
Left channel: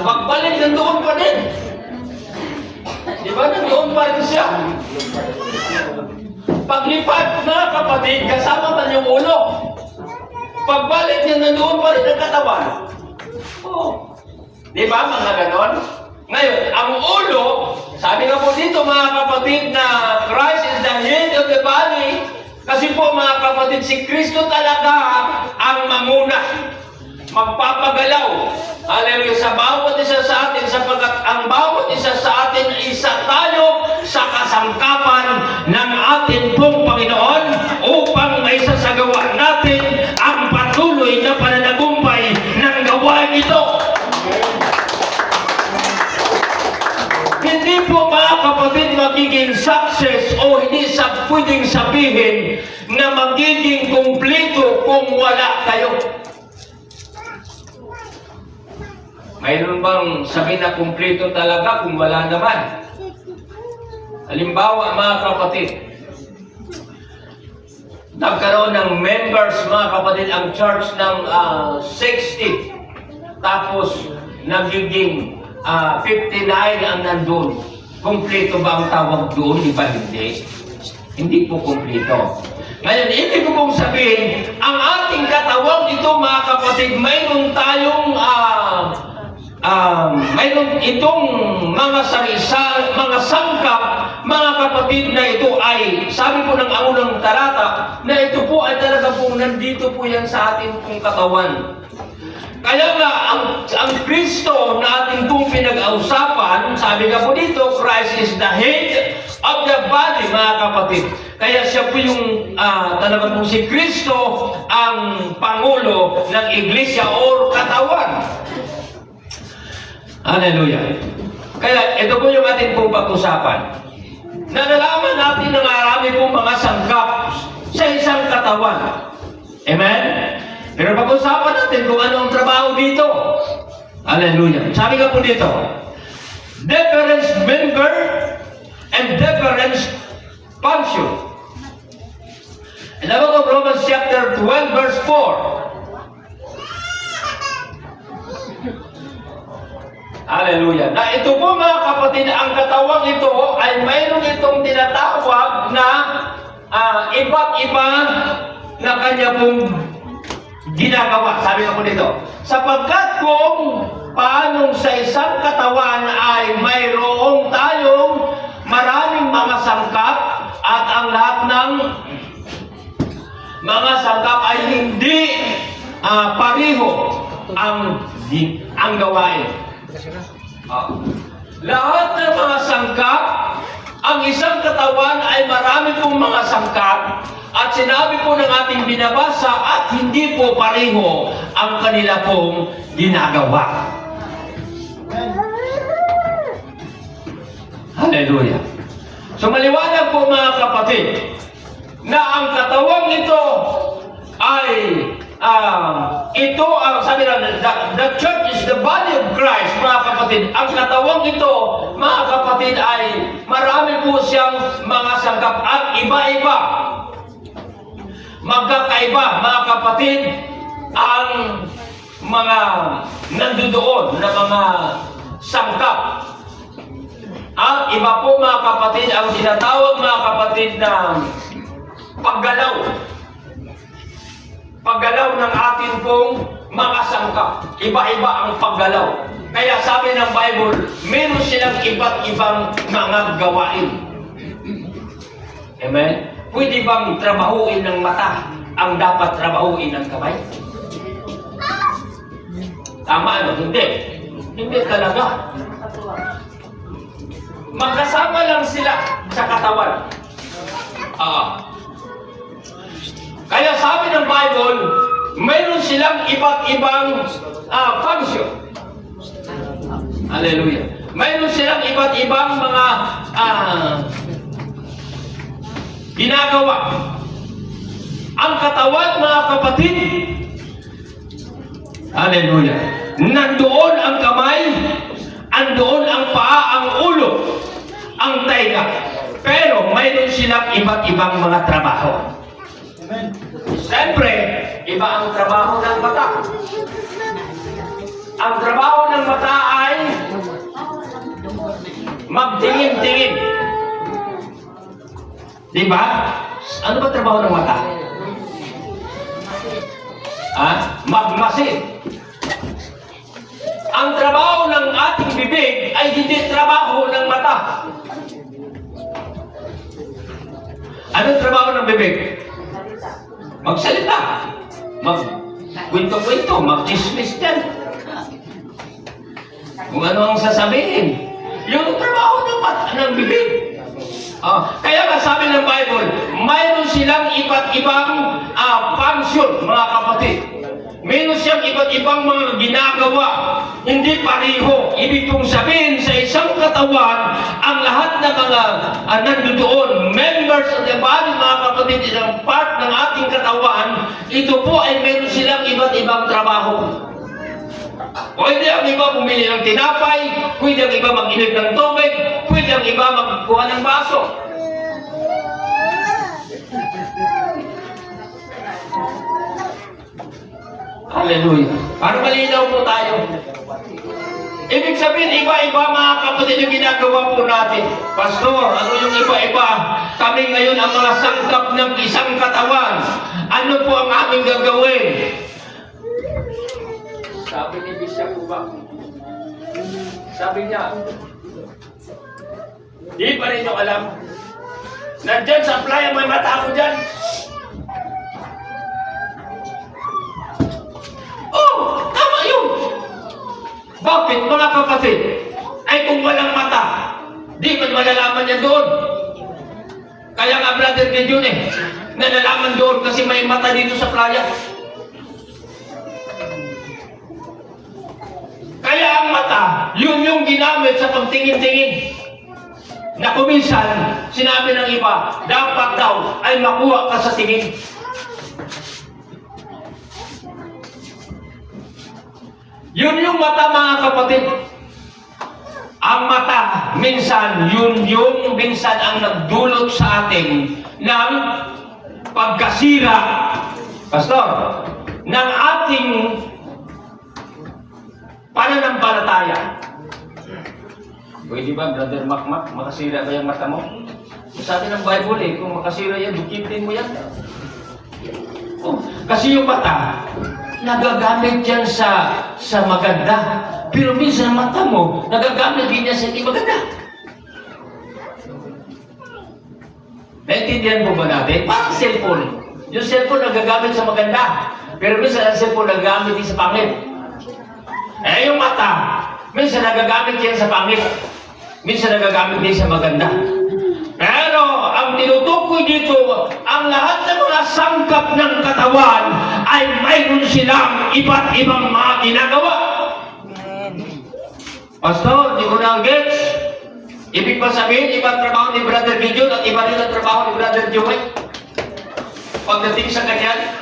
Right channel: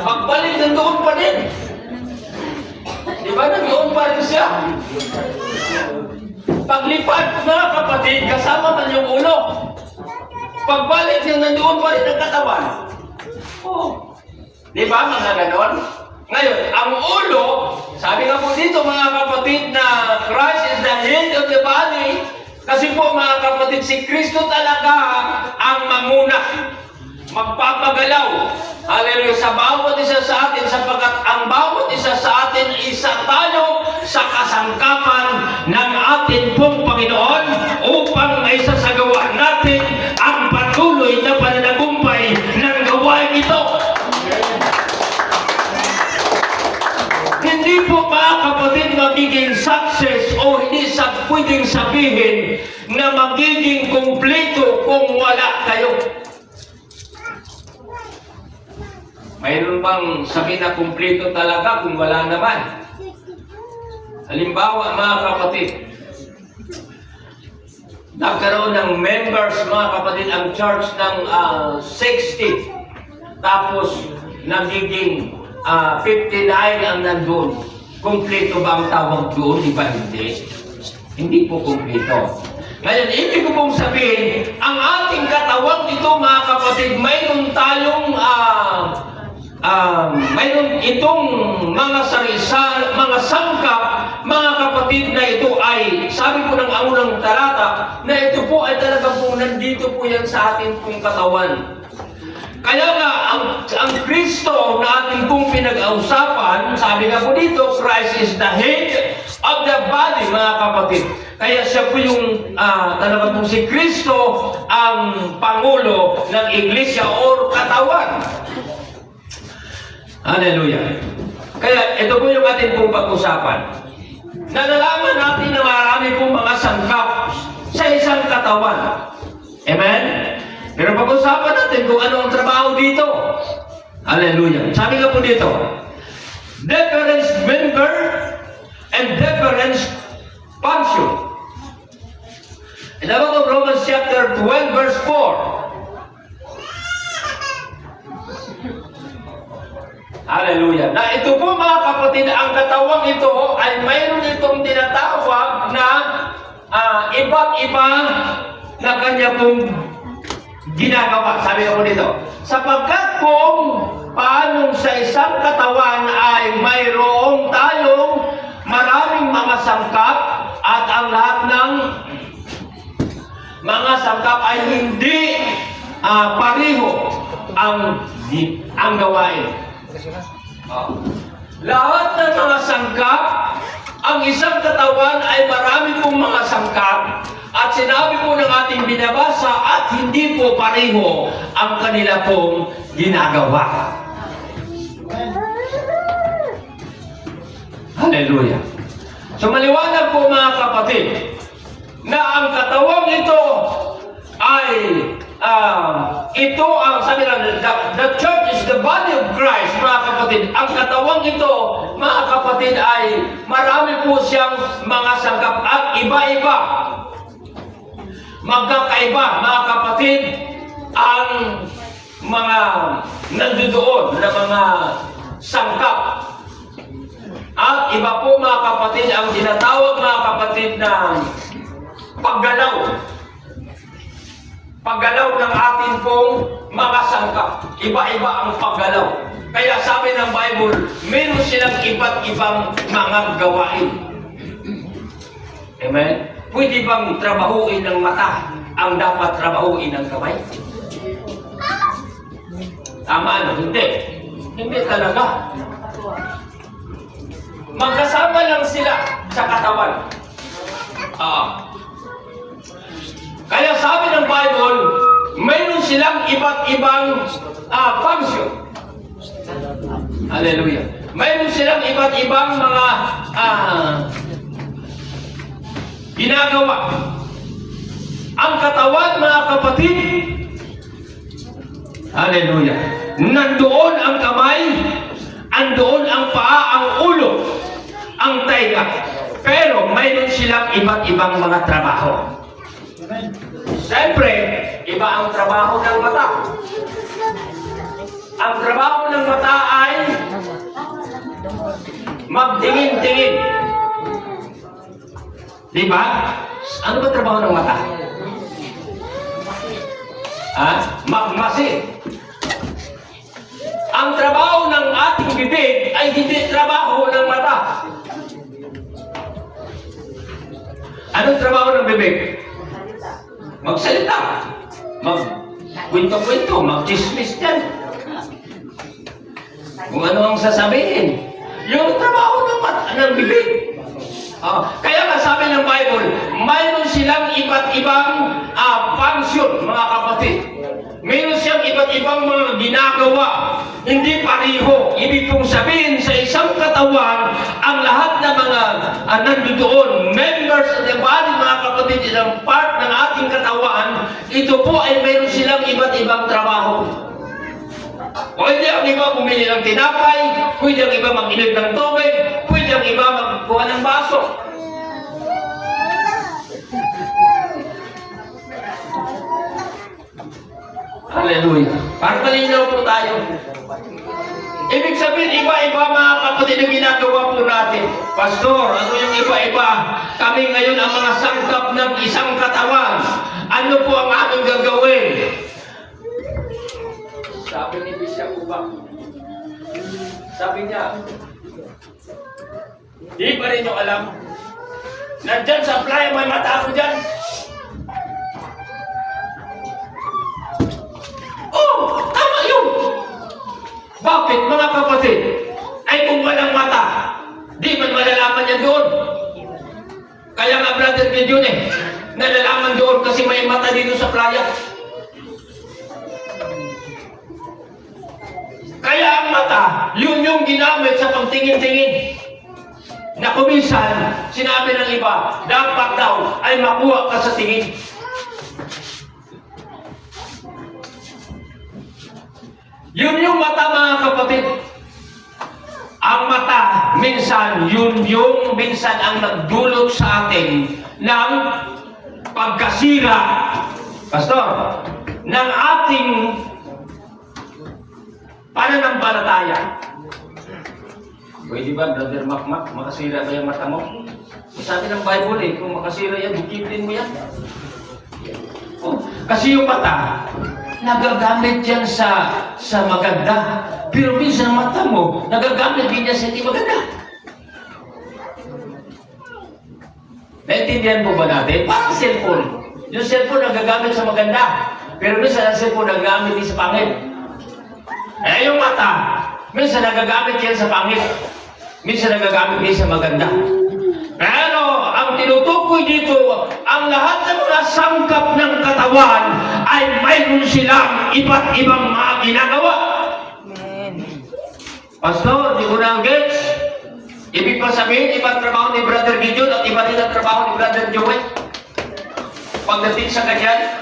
Pagbalik, nandoon pa din. Di Di ba? Nandoon pa rin siya. Paglipad, mga kapatid, kasama man yung ulo. Pagbalik niya, nandoon pa rin ang katawan. Oo. Di ba, mga ganon? Ngayon, ang ulo, sabi nga po dito, mga kapatid, na Christ is the head of the body. Kasi po, mga kapatid, si Kristo talaga ang mamuna. Magpapagalaw. Hallelujah. Sa bawat isa sa atin, sapagkat ang bawat isa sa atin, isa tayo sa kasangkapan ng atin pong Panginoon upang maisasagawa natin ang patuloy na pananagumpay ng gawain ito. Hindi po, mga kapatid, magiging success o hindi pwedeng sabihin na magiging kumpleto kung wala kayo. Mayroon bang sabi na kumpleto talaga kung wala naman? Halimbawa, mga kapatid, nagkaroon ng members, mga kapatid, ang church ng 60. Tapos, nagiging 59 ang nandun. Kumpleto ba ang tawag doon? Di ba hindi? Hindi po kumpleto. Ngayon, ibig ko pong sabihin, ang ating katawan ito, mga kapatid, mayroon tayong mayroon itong mga mga sangkap, mga kapatid, na ito ay, sabi po ng unang talata, na ito po ay talaga pong nandito po yan sa ating pong katawan. Kaya nga, ang Kristo na ating pong pinag-ausapan, sabi nga po dito, Christ is the head of the body, mga kapatid. Kaya siya po yung, talaga po si Kristo, ang Pangulo ng Iglesia or katawan. Hallelujah. Kaya ito po yung ating pong pag-usapan. Nalalaman natin na marami pong mga sangkap sa isang katawan. Amen? Pero pag-usapan natin kung ano ang trabaho dito. Hallelujah. Sabi nga po dito, different member and different function. In the book of Romans chapter 12 verse 4. Hallelujah. Na ito po, mga kapatid, ang katawang ito ay mayroon itong tinatawag na iba't iba na kanya pong ginagawa. Sabi ko po dito, sapagkat kung paanong sa isang katawan ay mayroong tayong maraming mga sangkap at ang lahat ng mga sangkap ay hindi pareho ang gawain. Lahat ng mga sangkap, ang isang katawan ay marami pong mga sangkap at sinabi po ng ating binabasa at hindi po pareho ang kanila pong ginagawa. Hallelujah. So maliwanag po, mga kapatid, na ang katawang ito ay ito ang sabi na, the church is the body of Christ, mga kapatid. Ang katawang ito, mga kapatid, ay marami po siyang mga sangkap at iba-iba. Magkakaiba, mga kapatid, ang mga nandoon na mga sangkap. At iba po, mga kapatid, ang tinatawag, mga kapatid, na paggalaw. Paggalaw ng atin pong mga sangkap. Iba-iba ang paggalaw. Kaya sabi ng Bible, meron silang iba't ibang mga gawain. Amen? Pwede bang trabahuin ng mata ang dapat trabahuin ng kamay? Tama, ano? Hindi. Hindi talaga. Magkasama lang sila sa katawan. Kaya sabi ng Bible, mayroon silang iba't ibang function. Hallelujah. Mayroon silang iba't ibang mga ginagawa. Ang katawan, mga kapatid, hallelujah, nandoon ang kamay, andoon ang paa, ang ulo, ang tainga. Pero mayroon silang iba't ibang mga trabaho. Siyempre, iba ang trabaho ng mata. Ang trabaho ng mata ay magtingin-tingin. Di ba? Ano ba trabaho ng mata? Magmasid. Ang trabaho ng ating bibig ay hindi trabaho ng mata. Anong trabaho ng bibig? Magsalita. Mag-kwento-kwento. Mag-chismis dyan. Kung ano ang sasabihin. Yung trabaho ng mata, ng bibig. Kaya nga sabi ng Bible, mayroon silang iba't ibang function, mga kapatid. Mayroon siyang iba't ibang mga ginagawa. Hindi pareho. Ibig kong sabihin, sa isang katawan, ang lahat ng mga nandoon, members of the body, mga kapatid, isang part ng ating katawan, ito po ay mayroon silang iba't ibang trabaho. Pwede ang iba bumili ng tinapay, pwede ang iba mag-inom ng tubig, pwede ang iba magkuha ng baso. Hallelujah. Para malinaw po tayo. Ibig sabihin, iba-iba mga kapatid na ginagawa po natin. Pastor, ano yung iba-iba? Kami ngayon ang mga sangkap ng isang katawan. Ano po ang aming gagawin? Sabi ni Bishop Ubak, sabi niya, di pa rin nyo alam. Nandyan sa playa, may mata ako dyan. Oh, tama yun. Bakit, mga kapatid? Ay kung walang mata, di man malalaman niya doon. Kaya nga, Brother Gideon nalalaman doon kasi may mata dito sa playa. Kaya ang mata, yun yung ginamit sa pagtingin-tingin. Na kuminsan, sinabi ng iba, dapat daw ay makuha ka sa tingin. Yun yung mata, mga kapatid. Ang mata, minsan, yun yung minsan ang nagdulot sa atin ng pagkasira, Pastor, ng ating pananampalataya. Pwede ba, Brother Makmak, makasira ba yung mata mo? Sabi ng Bible kung makasira yan, dukitin mo yan. Kasi yung mata, nagagamit yan sa maganda. Pero minsan mata mo, nagagamit din yan sa hindi maganda. Naintindihan mo ba natin? Parang cellphone. Yung cellphone nagagamit sa maganda. Pero minsan ang cellphone nagagamit din sa pangit. Yung mata, minsan nagagamit yan sa pangit. Minsan nagagamit din sa maganda. Pero ang tinutukoy dito, ang lahat ng mga sangkap ng katawan ay mayroon silang iba't ibang mga ginagawa. Pastor, di ko na gets. Ibig pa sabihin, ibang trabaho ni Brother Gideon at iba rin ang trabaho ni Brother Joey. Pagdating sa kanya,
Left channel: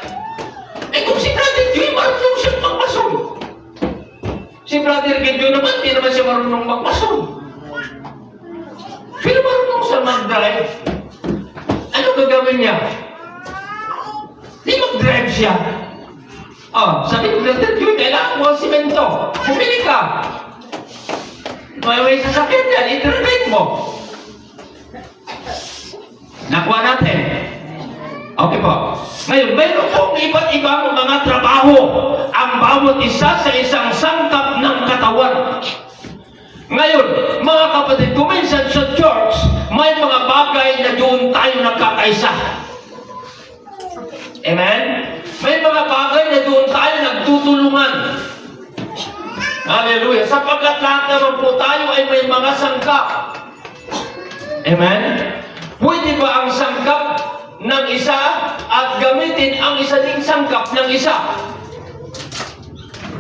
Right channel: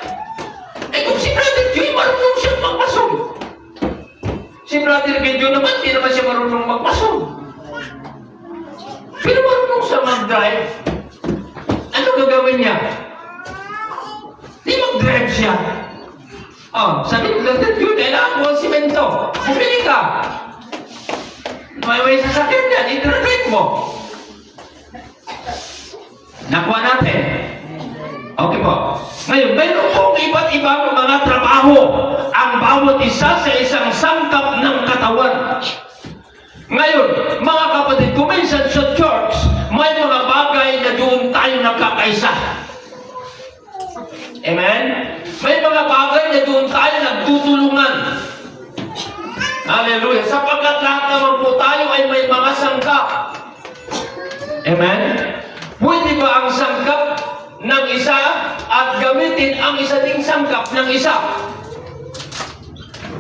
kung si Brother Joey, marunong siyang magmason. Si Brother Gideon naman, hindi naman siya marunong magmason. Pero marunong siya mag-drive. Ano gagawin niya? Di mag-drive siya. Sabi ko, Brother Joey, kailangan mo ang simento. Bumili ka. May sasakyan yan, i-drive mo. Nakuha natin. Okay po. Ngayon, mayroon pong iba't ibang mga trabaho ang bawat isa sa isang sangkap ng katawan. Ngayon, mga kapatid, kuminsan sa church, may mga bagay na doon tayo nagkakaisa. Amen? May mga bagay na doon tayo nagtutulungan. Hallelujah. Sapagkat lahat naman po tayo ay may mga sangkap. Amen? Pwede ba ang sangkap ng isa at gamitin ang isa ding sangkap ng isa?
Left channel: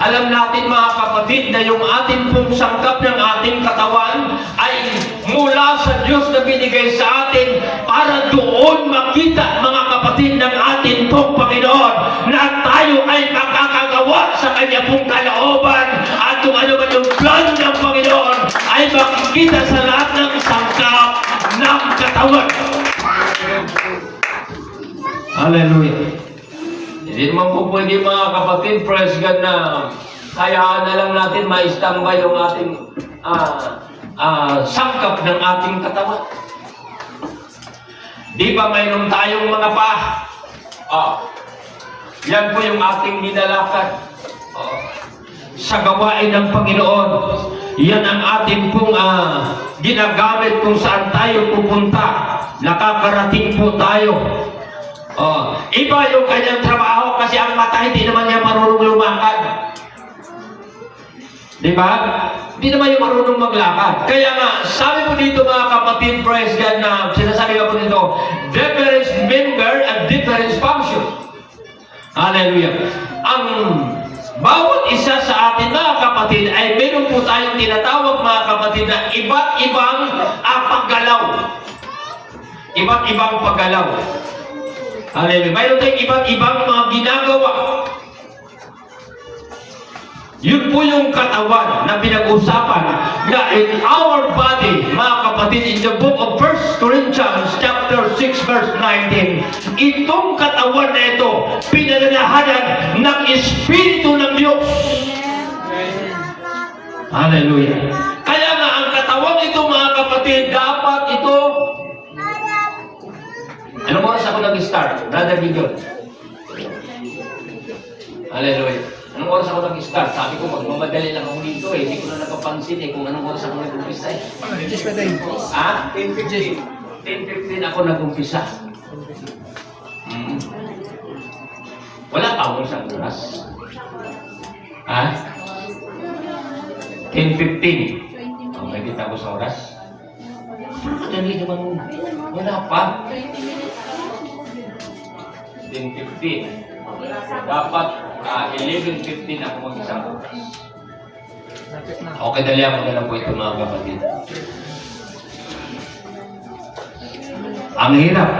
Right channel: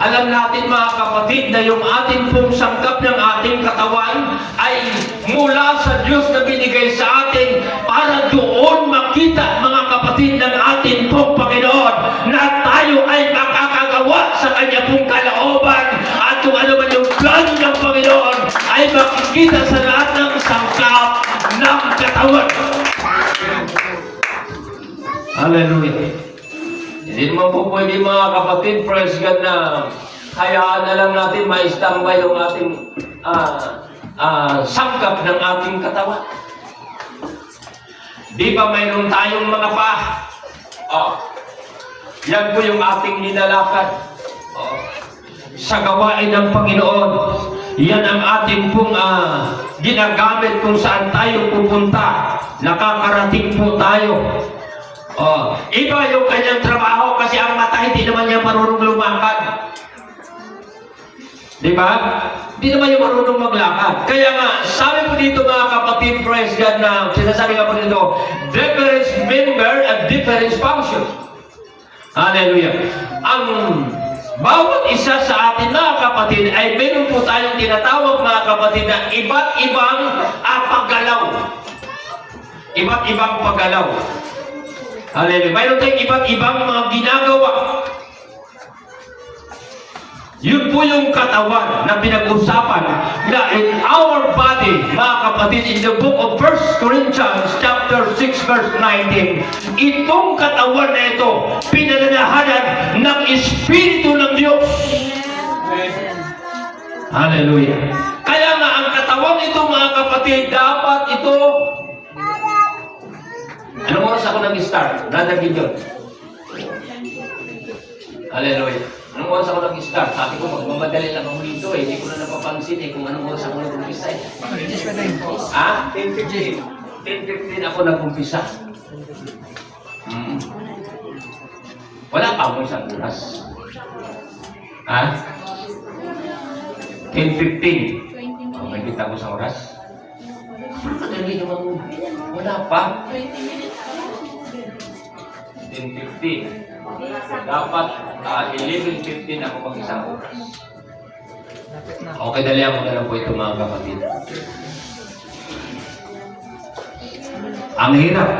Alam natin mga kapatid na yung ating pong sangkap ng ating katawan ay mula sa Diyos na binigay sa atin para doon makita mga kapatid ng ating pong Panginoon na tayo ay makakagawa sa Kanya pong kalooban at kung ano man yung plan ng Panginoon ay makikita sa lahat ng sangkap ng katawan. Hallelujah. Hindi naman po pwede mga kapatid, praise God, na hayaan na lang natin ma-standby yung ating sangkap ng ating katawan. Di ba mayroon tayong mga paa? Yan po yung ating nilalakad. Sa gawain ng Panginoon, yan ang ating pong ginagamit kung saan tayo pupunta. Nakakarating po tayo. Iba yung kanyang trabaho kasi ang mata hindi naman niya marunong lumakad. Di ba? Hindi naman niya marunong maglakad. Kaya nga, sabi po dito mga kapatid, praise God, na sinasabi nga po dito, different member and different function. Hallelujah. Ang bawat isa sa atin mga kapatid ay meron po tayong tinatawag mga kapatid na iba't ibang paggalaw. Iba't ibang paggalaw. Hallelujah. Mayroon tayong iba't ibang mga ginagawa. Yun po yung katawan na pinag-usapan na in our body, mga kapatid, in the book of 1 Corinthians chapter 6 verse 19, itong katawan na ito, pinananahanan ng Espiritu ng Diyos. Hallelujah. Kaya nga, ang katawan ito, mga kapatid, dapat ito... Anong oras ako nag-start? Brother Gideon. Hallelujah. Anong oras ako nag-start? Sabi ko, magmamadali lang ako dito eh. Hindi ko na napapansin eh kung anong oras ako nag-umpisa eh. 10:15. 10:15 ako nag-umpisa. Wala pa mo isang oras. 10:15. May kita ko sa oras? Nandito ba muna? Wala pa. 10:15. Dapat 11:15 ako mag-isang oras. Okay, dali ako na lang po ito mga kapatid. Ang hirap.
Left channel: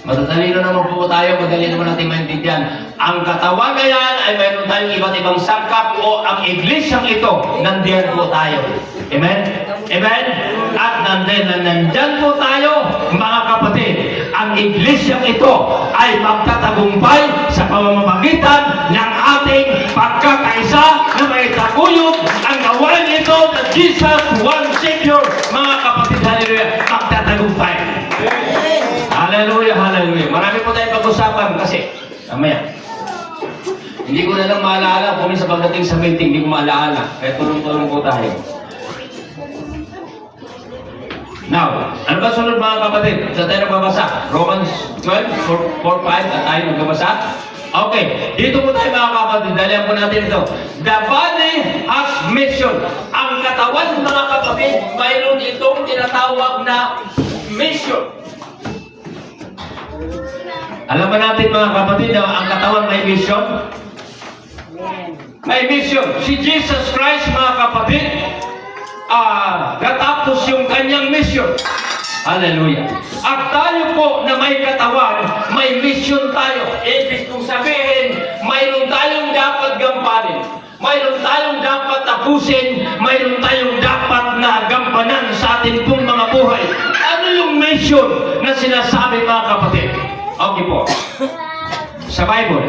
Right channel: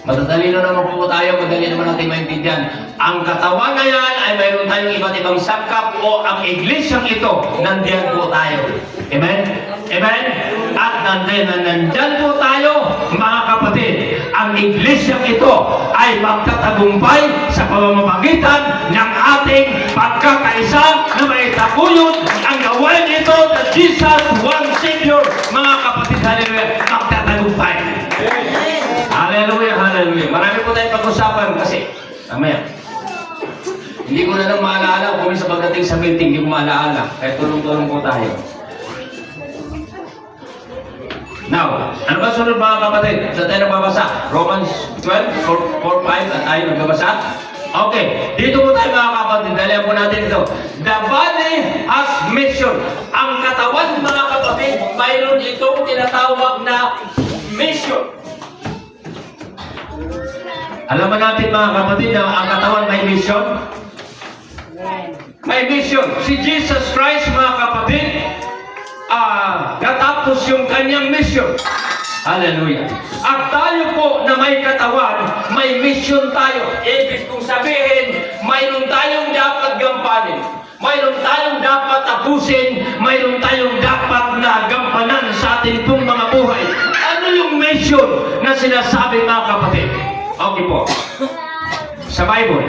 Matatalino naman po tayo, madali naman natin maintindihan. Ang katawan na yan ay mayroon tayong iba't ibang sangkap o ang iglesyang ito, nandiyan po tayo. Amen? Amen? At nandyan po tayo, mga kapatid. Ang iglesyang ito ay magtatagumpay sa pamamagitan ng ating pagkakaisa na may taguyod ang gawain ito na Jesus, one Savior. Mga kapatid, hallelujah, magtatagumpay. Hallelujah, hallelujah. Marami po tayong pag-usapan kasi, mamaya, hindi ko na lang maalala kung sa pagdating sa meeting, hindi ko maalala. Kaya tulong-tulong po tayo. Now, ano ba sunod mga kapatid? Sa tayo nagbabasa? Romans 12, 4-5 at tayo nagbabasa? Okay, dito po tayo mga kapatid. Dalihan po natin ito. The body has mission. Ang katawan mga kapatid, mayroon itong tinatawag na mission. Alam ba natin mga kapatid na ang katawan may mission? May mission. Si Jesus Christ mga kapatid, natapos yung kanyang mission. Hallelujah. At tayo po na may katawan, may mission tayo. Ibig kong sabihin, mayroon tayong dapat gampanin. Mayroon tayong dapat tapusin. Mayroon tayong dapat na gampanan sa ating pong mga buhay. Ano yung mission na sinasabi mga kapatid? Okay po. Sa Bible.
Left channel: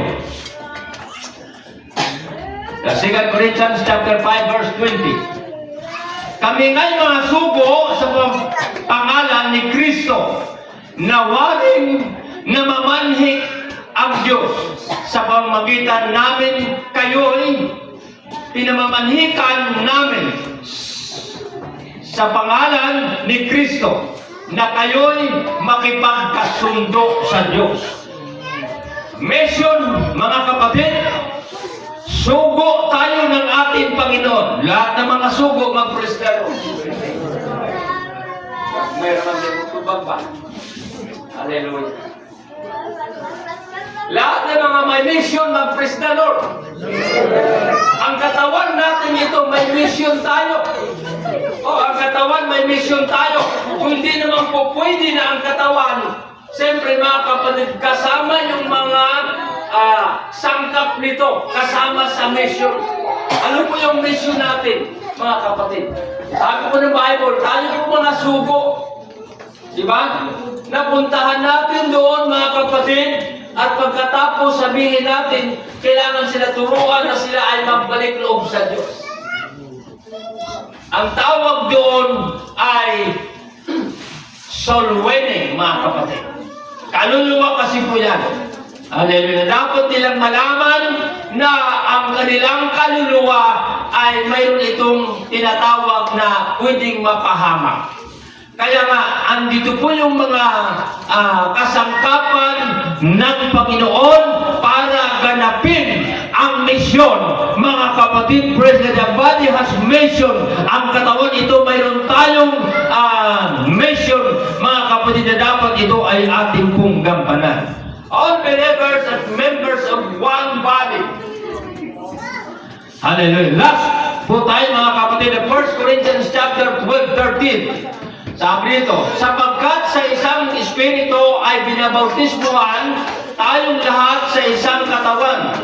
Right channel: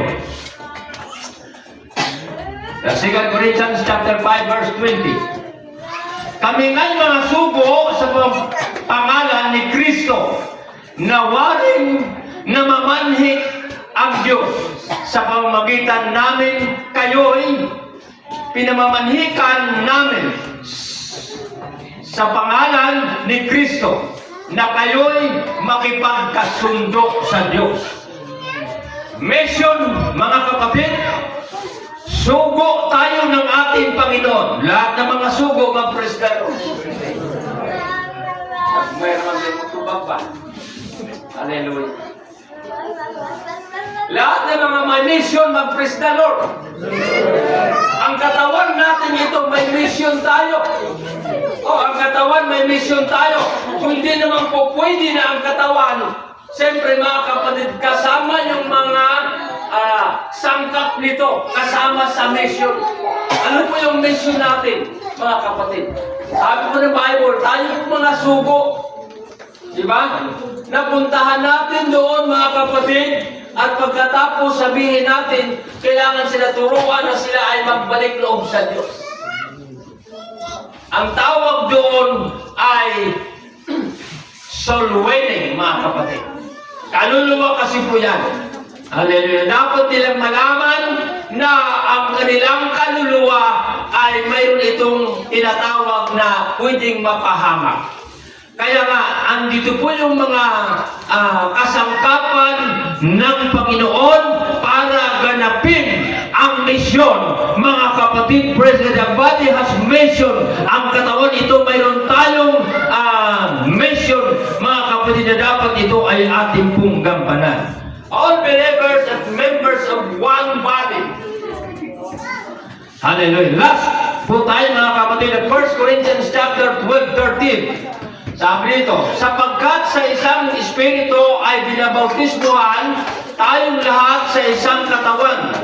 The 2 Corinthians chapter 5 verse 20. Kami nga'y mga sugo sa pangalan ni Kristo na waring namamanhik ang Diyos. Sa pamamagitan namin, kayo'y pinamamanhikan namin sa pangalan ni Kristo na kayo'y makipagkasundo sa Diyos. Mission, mga kapatid, sugo tayo ng ating Panginoon. Lahat ng mga sugo, mag-presdaro. Mayroon ang limutubag ba? Hallelujah. Lahat ng mga may mission, mag-presdaro. Ang katawan natin ito, may mission tayo. Ang katawan, may mission tayo. Kung hindi naman po pwede na ang katawan, siyempre mga kapatid, kasama yung mga sangkap nito, kasama sa mission. Ano po yung mission natin, mga kapatid? Sabi po ng Bible, tayo po mga sugo. Diba? Napuntahan natin doon, mga kapatid, at pagkatapos sabihin natin, kailangan sila turuan na sila ay magbalik loob sa Diyos. Ang tawag doon ay soul winning, mga kapatid. Kaluluwa kasi po yan. Hallelujah. Dapat nilang malaman na ang kanilang kaluluwa ay mayroon itong tinatawag na pwedeng mapahamak. Kaya nga, andito po yung mga kasangkapan ng Panginoon para ganapin ang misyon. Mga kapatid, President, the body has mission. Ang katawan ito, mayroon tayong mission, mga kapatid, na dapat ito ay ating pong gampanan. All believers and members of one body. Hallelujah. Last po tayo, mga kapatid, 1 Corinthians chapter 12:13. Sabi nito, sapagkat sa isang espiritu ay binabautismuhan tayong lahat sa isang katawan.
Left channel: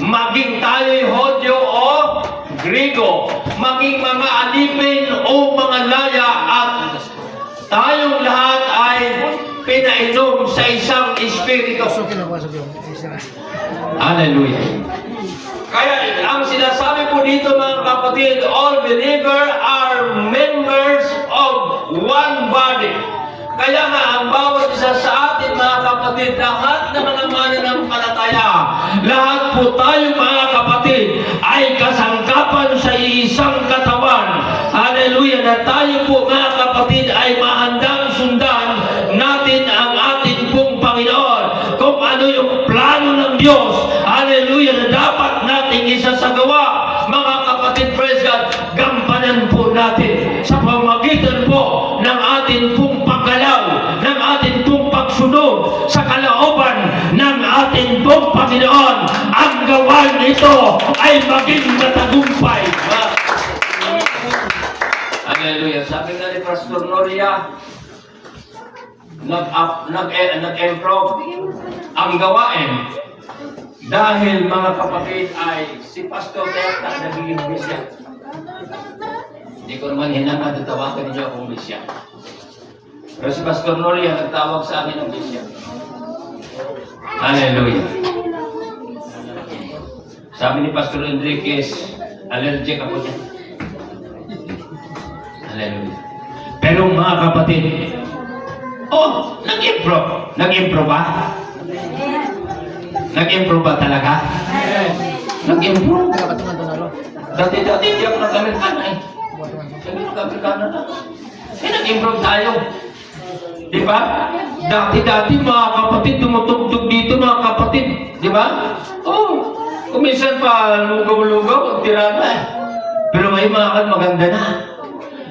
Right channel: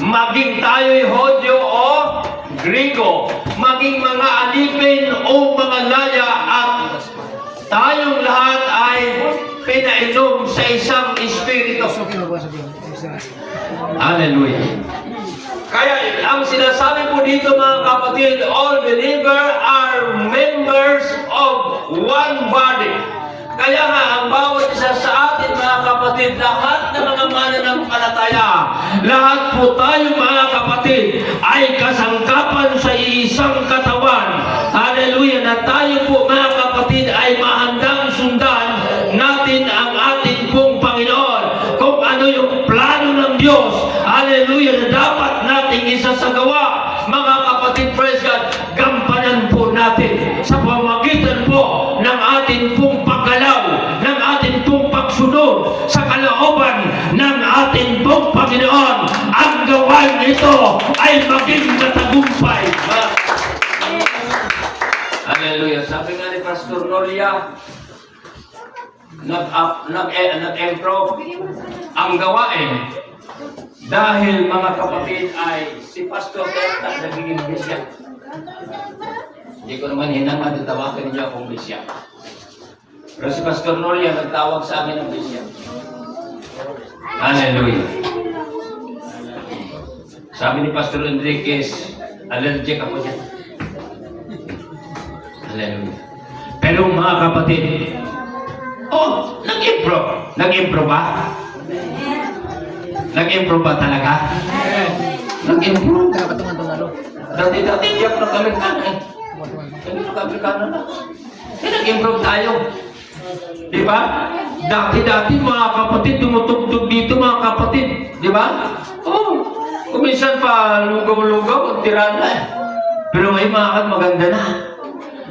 Maging tayo'y Hodyo o Grigo, maging mga alipin o mga laya, at tayong lahat ay pinainom sa isang espiritu. Hallelujah. Kaya ang sinasabi po dito, mga kapatid, all believers are members of one body. Kaya nga, ang bawat isa sa atin, mga kapatid, lahat ng mga mananampalataya, lahat po tayo, mga kapatid, ay kasangkapan sa isang katawan. Hallelujah! Na tayo po, mga kapatid, ay mahandang sundan natin ang ating pong Panginoon. Kung ano yung plano ng Diyos, hallelujah, na dapat nating isasagawa, mga kapatid, praise God, gampanan po natin sa pamagitan po ng ating pong paggalaw, ng ating pong pagsunod sa kalooban ng ating pong Panginoon. Ang gawain ito ay maging matagumpay. Hallelujah. Sabi nga ni Pastor Noria, nag-improve ang gawain dahil, mga kapatid, ay si Pastor Delta nagiging bisya. Hindi ko naman hinang tatawagan niyo akong bisya. Pero si Pastor Noria nagtawag sa amin ng bisya. Hallelujah. Sabi ni Pastor Enriquez, allergic ako niya. Hallelujah. Pero, mga kapatid, nag-improve. Nag-improve ba? Nag-improve ba talaga? Nag-improve. Dati-dati iyak na kami kanan. Kami kanan na. Nag-improve tayo. Di ba? Dati-dati, mga kapatid, tumutugtog dito, mga kapatid. Di ba? Kuminsan pa lugaw-lugaw, tira na. Pero ngayon, mga maganda na.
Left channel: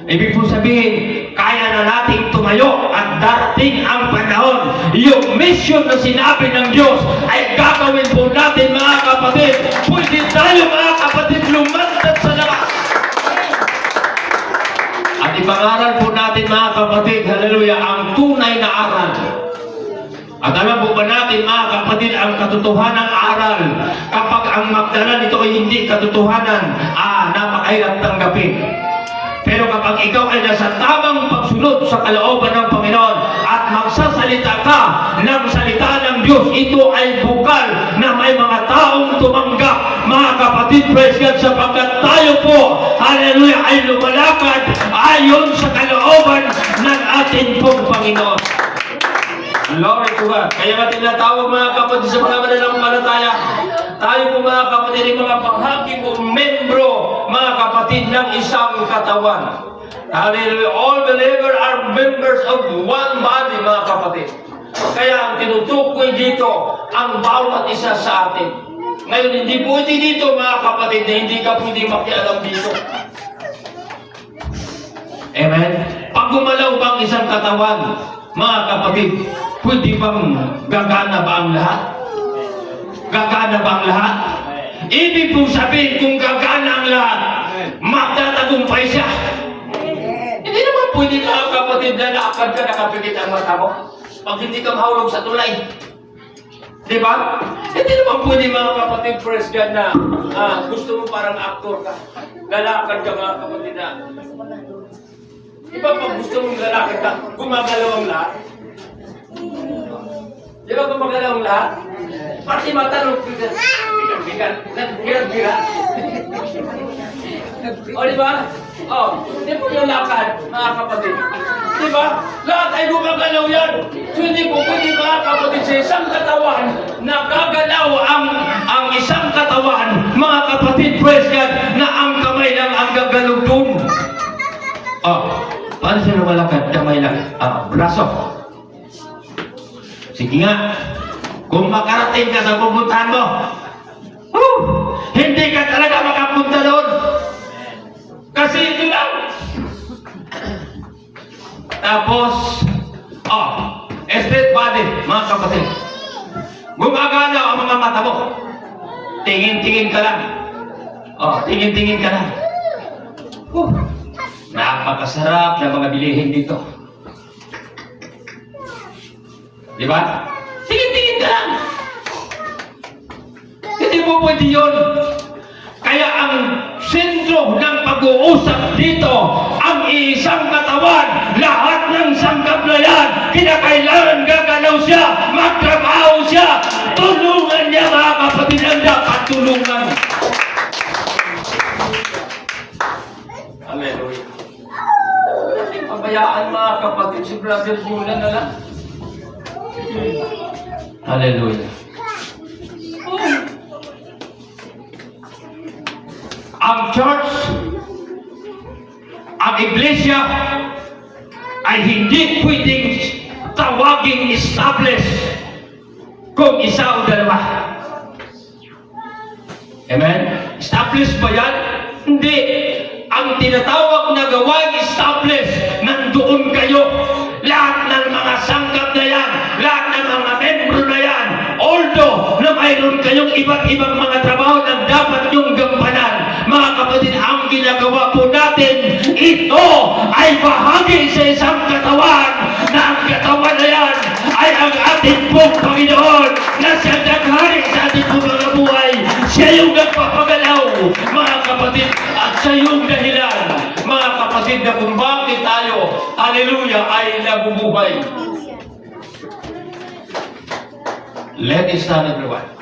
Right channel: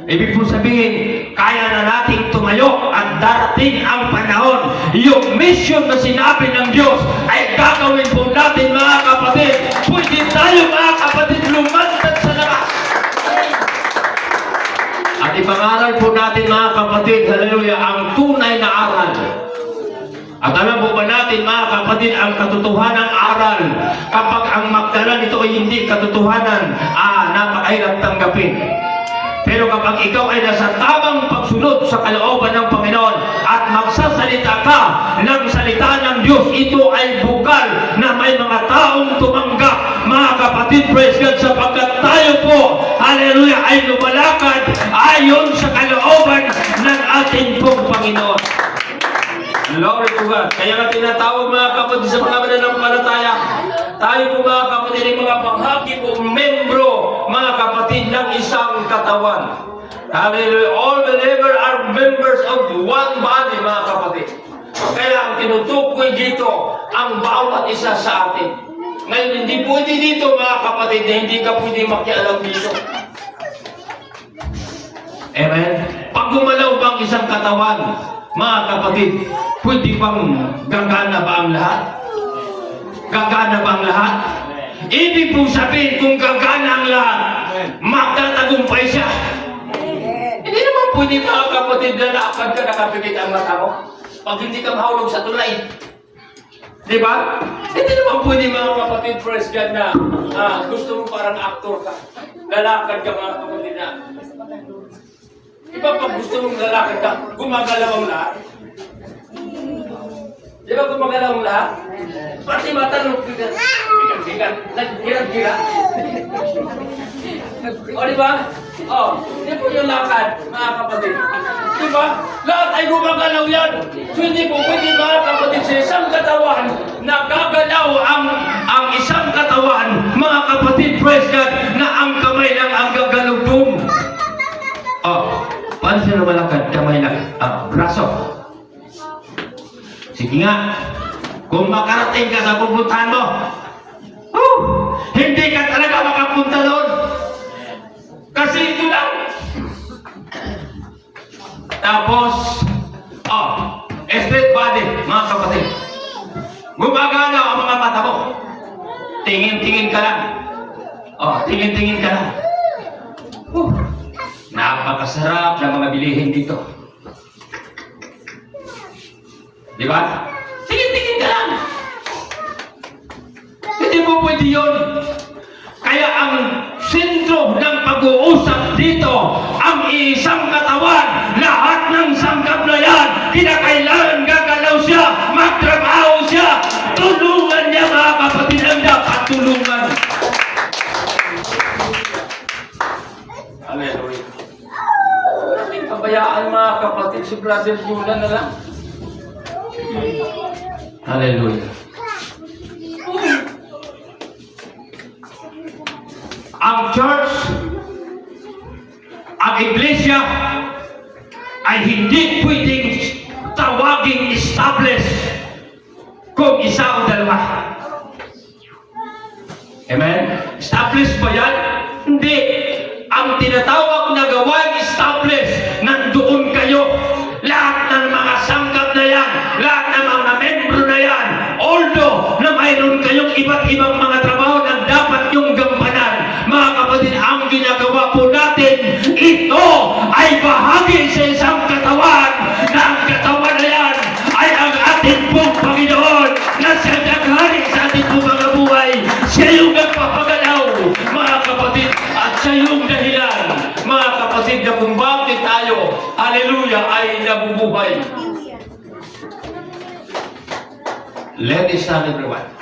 Ibig po sabihin, kaya na nating tumayo at darating ang panahon. Yung mission na sinabi ng Diyos ay gagawin po natin, mga kapatid. Pwede tayo, mga kapatid, lumantad sa labas. At ipangaral po natin, mga kapatid, hallelujah, ang tunay na aral. At alam po ba natin, mga kapatid, ang katotohanan aral. Kapag ang magdala nito ay hindi katotohanan, napakahirap tanggapin. Pero kapag ikaw ay nasa tamang pagsunod sa kalooban ng Panginoon at magsasalita ka ng salita ng Diyos, ito ay bukal na may mga taong tumanggap, mga kapatid, praise God, sapagkat tayo po, hallelujah, ay lumalakad ayon sa kalooban ng ating pong Panginoon. Glory to God. Kaya nga tinatawag, mga kapatid, sa mga mananampalataya, tayo po, mga kapatid, ay mga panghaki po, membro, mga kapatid, ng isang katawan. Hallelujah. All believers are members of one body, mga kapatid. Kaya ang tinutukoy dito, ang bawat isa sa atin. Ngayon, hindi pwede dito, mga kapatid, na hindi ka pwede makialam dito. Amen? Pag gumalaw bang isang katawan, mga kapatid, pwede bang gagana ba ang lahat? Gagana ba ang lahat? Ibig pong sabihin, kung gagana ang lahat, magtatagumpay siya. Hindi naman pwede, mga kapatid, na lakad ka, nakapikit ang mata mo pag hindi ka mahulog sa tulay. Di ba? Hindi naman pwede, mga kapatid, praise God, na gusto mo parang aktor ka. Lalakad ka, mga kapatid, na. Di ba pag gusto mong lalakad ka, gumagalaw ang lahat? Di ba gumagalaw ang lahat? Pati matanong, bigat. O di ba? Oh, hindi po yung lakad, mga kapatid. Di ba? Lahat ay gumagalaw yan. So hindi po pwede, mga kapatid, sa isang katawan na gagalaw ang isang katawan, mga kapatid, praise God, na ang kamay lang ang gagalugtong. Oh, paano sila malakad? Kamay lang. Braso. Sige nga. Kung makarating ka sa pupuntahan mo, hindi ka talaga makapunta doon. Kasi ito lang. Tapos, straight body, mga kapatid. Gumagana ang mga mata mo. Tingin-tingin ka lang. Tingin-tingin ka lang. Napakasarap na mga bilihin dito. Di ba? Tingin-tingin ka lang. Hindi mo pwede yun. Kaya ang sentro ng pag-uusap dito, ang isang katawan, lahat ng sangkap na yan, kinakailangan gagalaw siya, magtrabaho siya, tulungan niya, mga kapatid, ang dapat tulungan. Hallelujah. Pabayaan, mga kapatid, si Brother Julian na lang. Hallelujah. Ang church, ang iglesia, ay hindi pwedeng tawaging established kung isa o dalawa. Amen? Established ba yan? Hindi. Ang tinatawag na gawain established, nandoon kayo. Lahat ng mga sangkap na yan, lahat ng mga membro na yan, although na mayroon kayong iba't ibang mga trabaho na dapat yung gampanan, mga kapatid, ang ginagawa po natin, ito ay bahagi sa isang katawan, na ang katawan na yan ay ang ating pong Panginoon, na siya naghari sa ating pong mga buhay. Siya yung nagpapagalaw, mga kapatid, at siya yung dahilan, mga kapatid, na kung bakit tayo, hallelujah, ay nabubuhay. Let us stand everyone.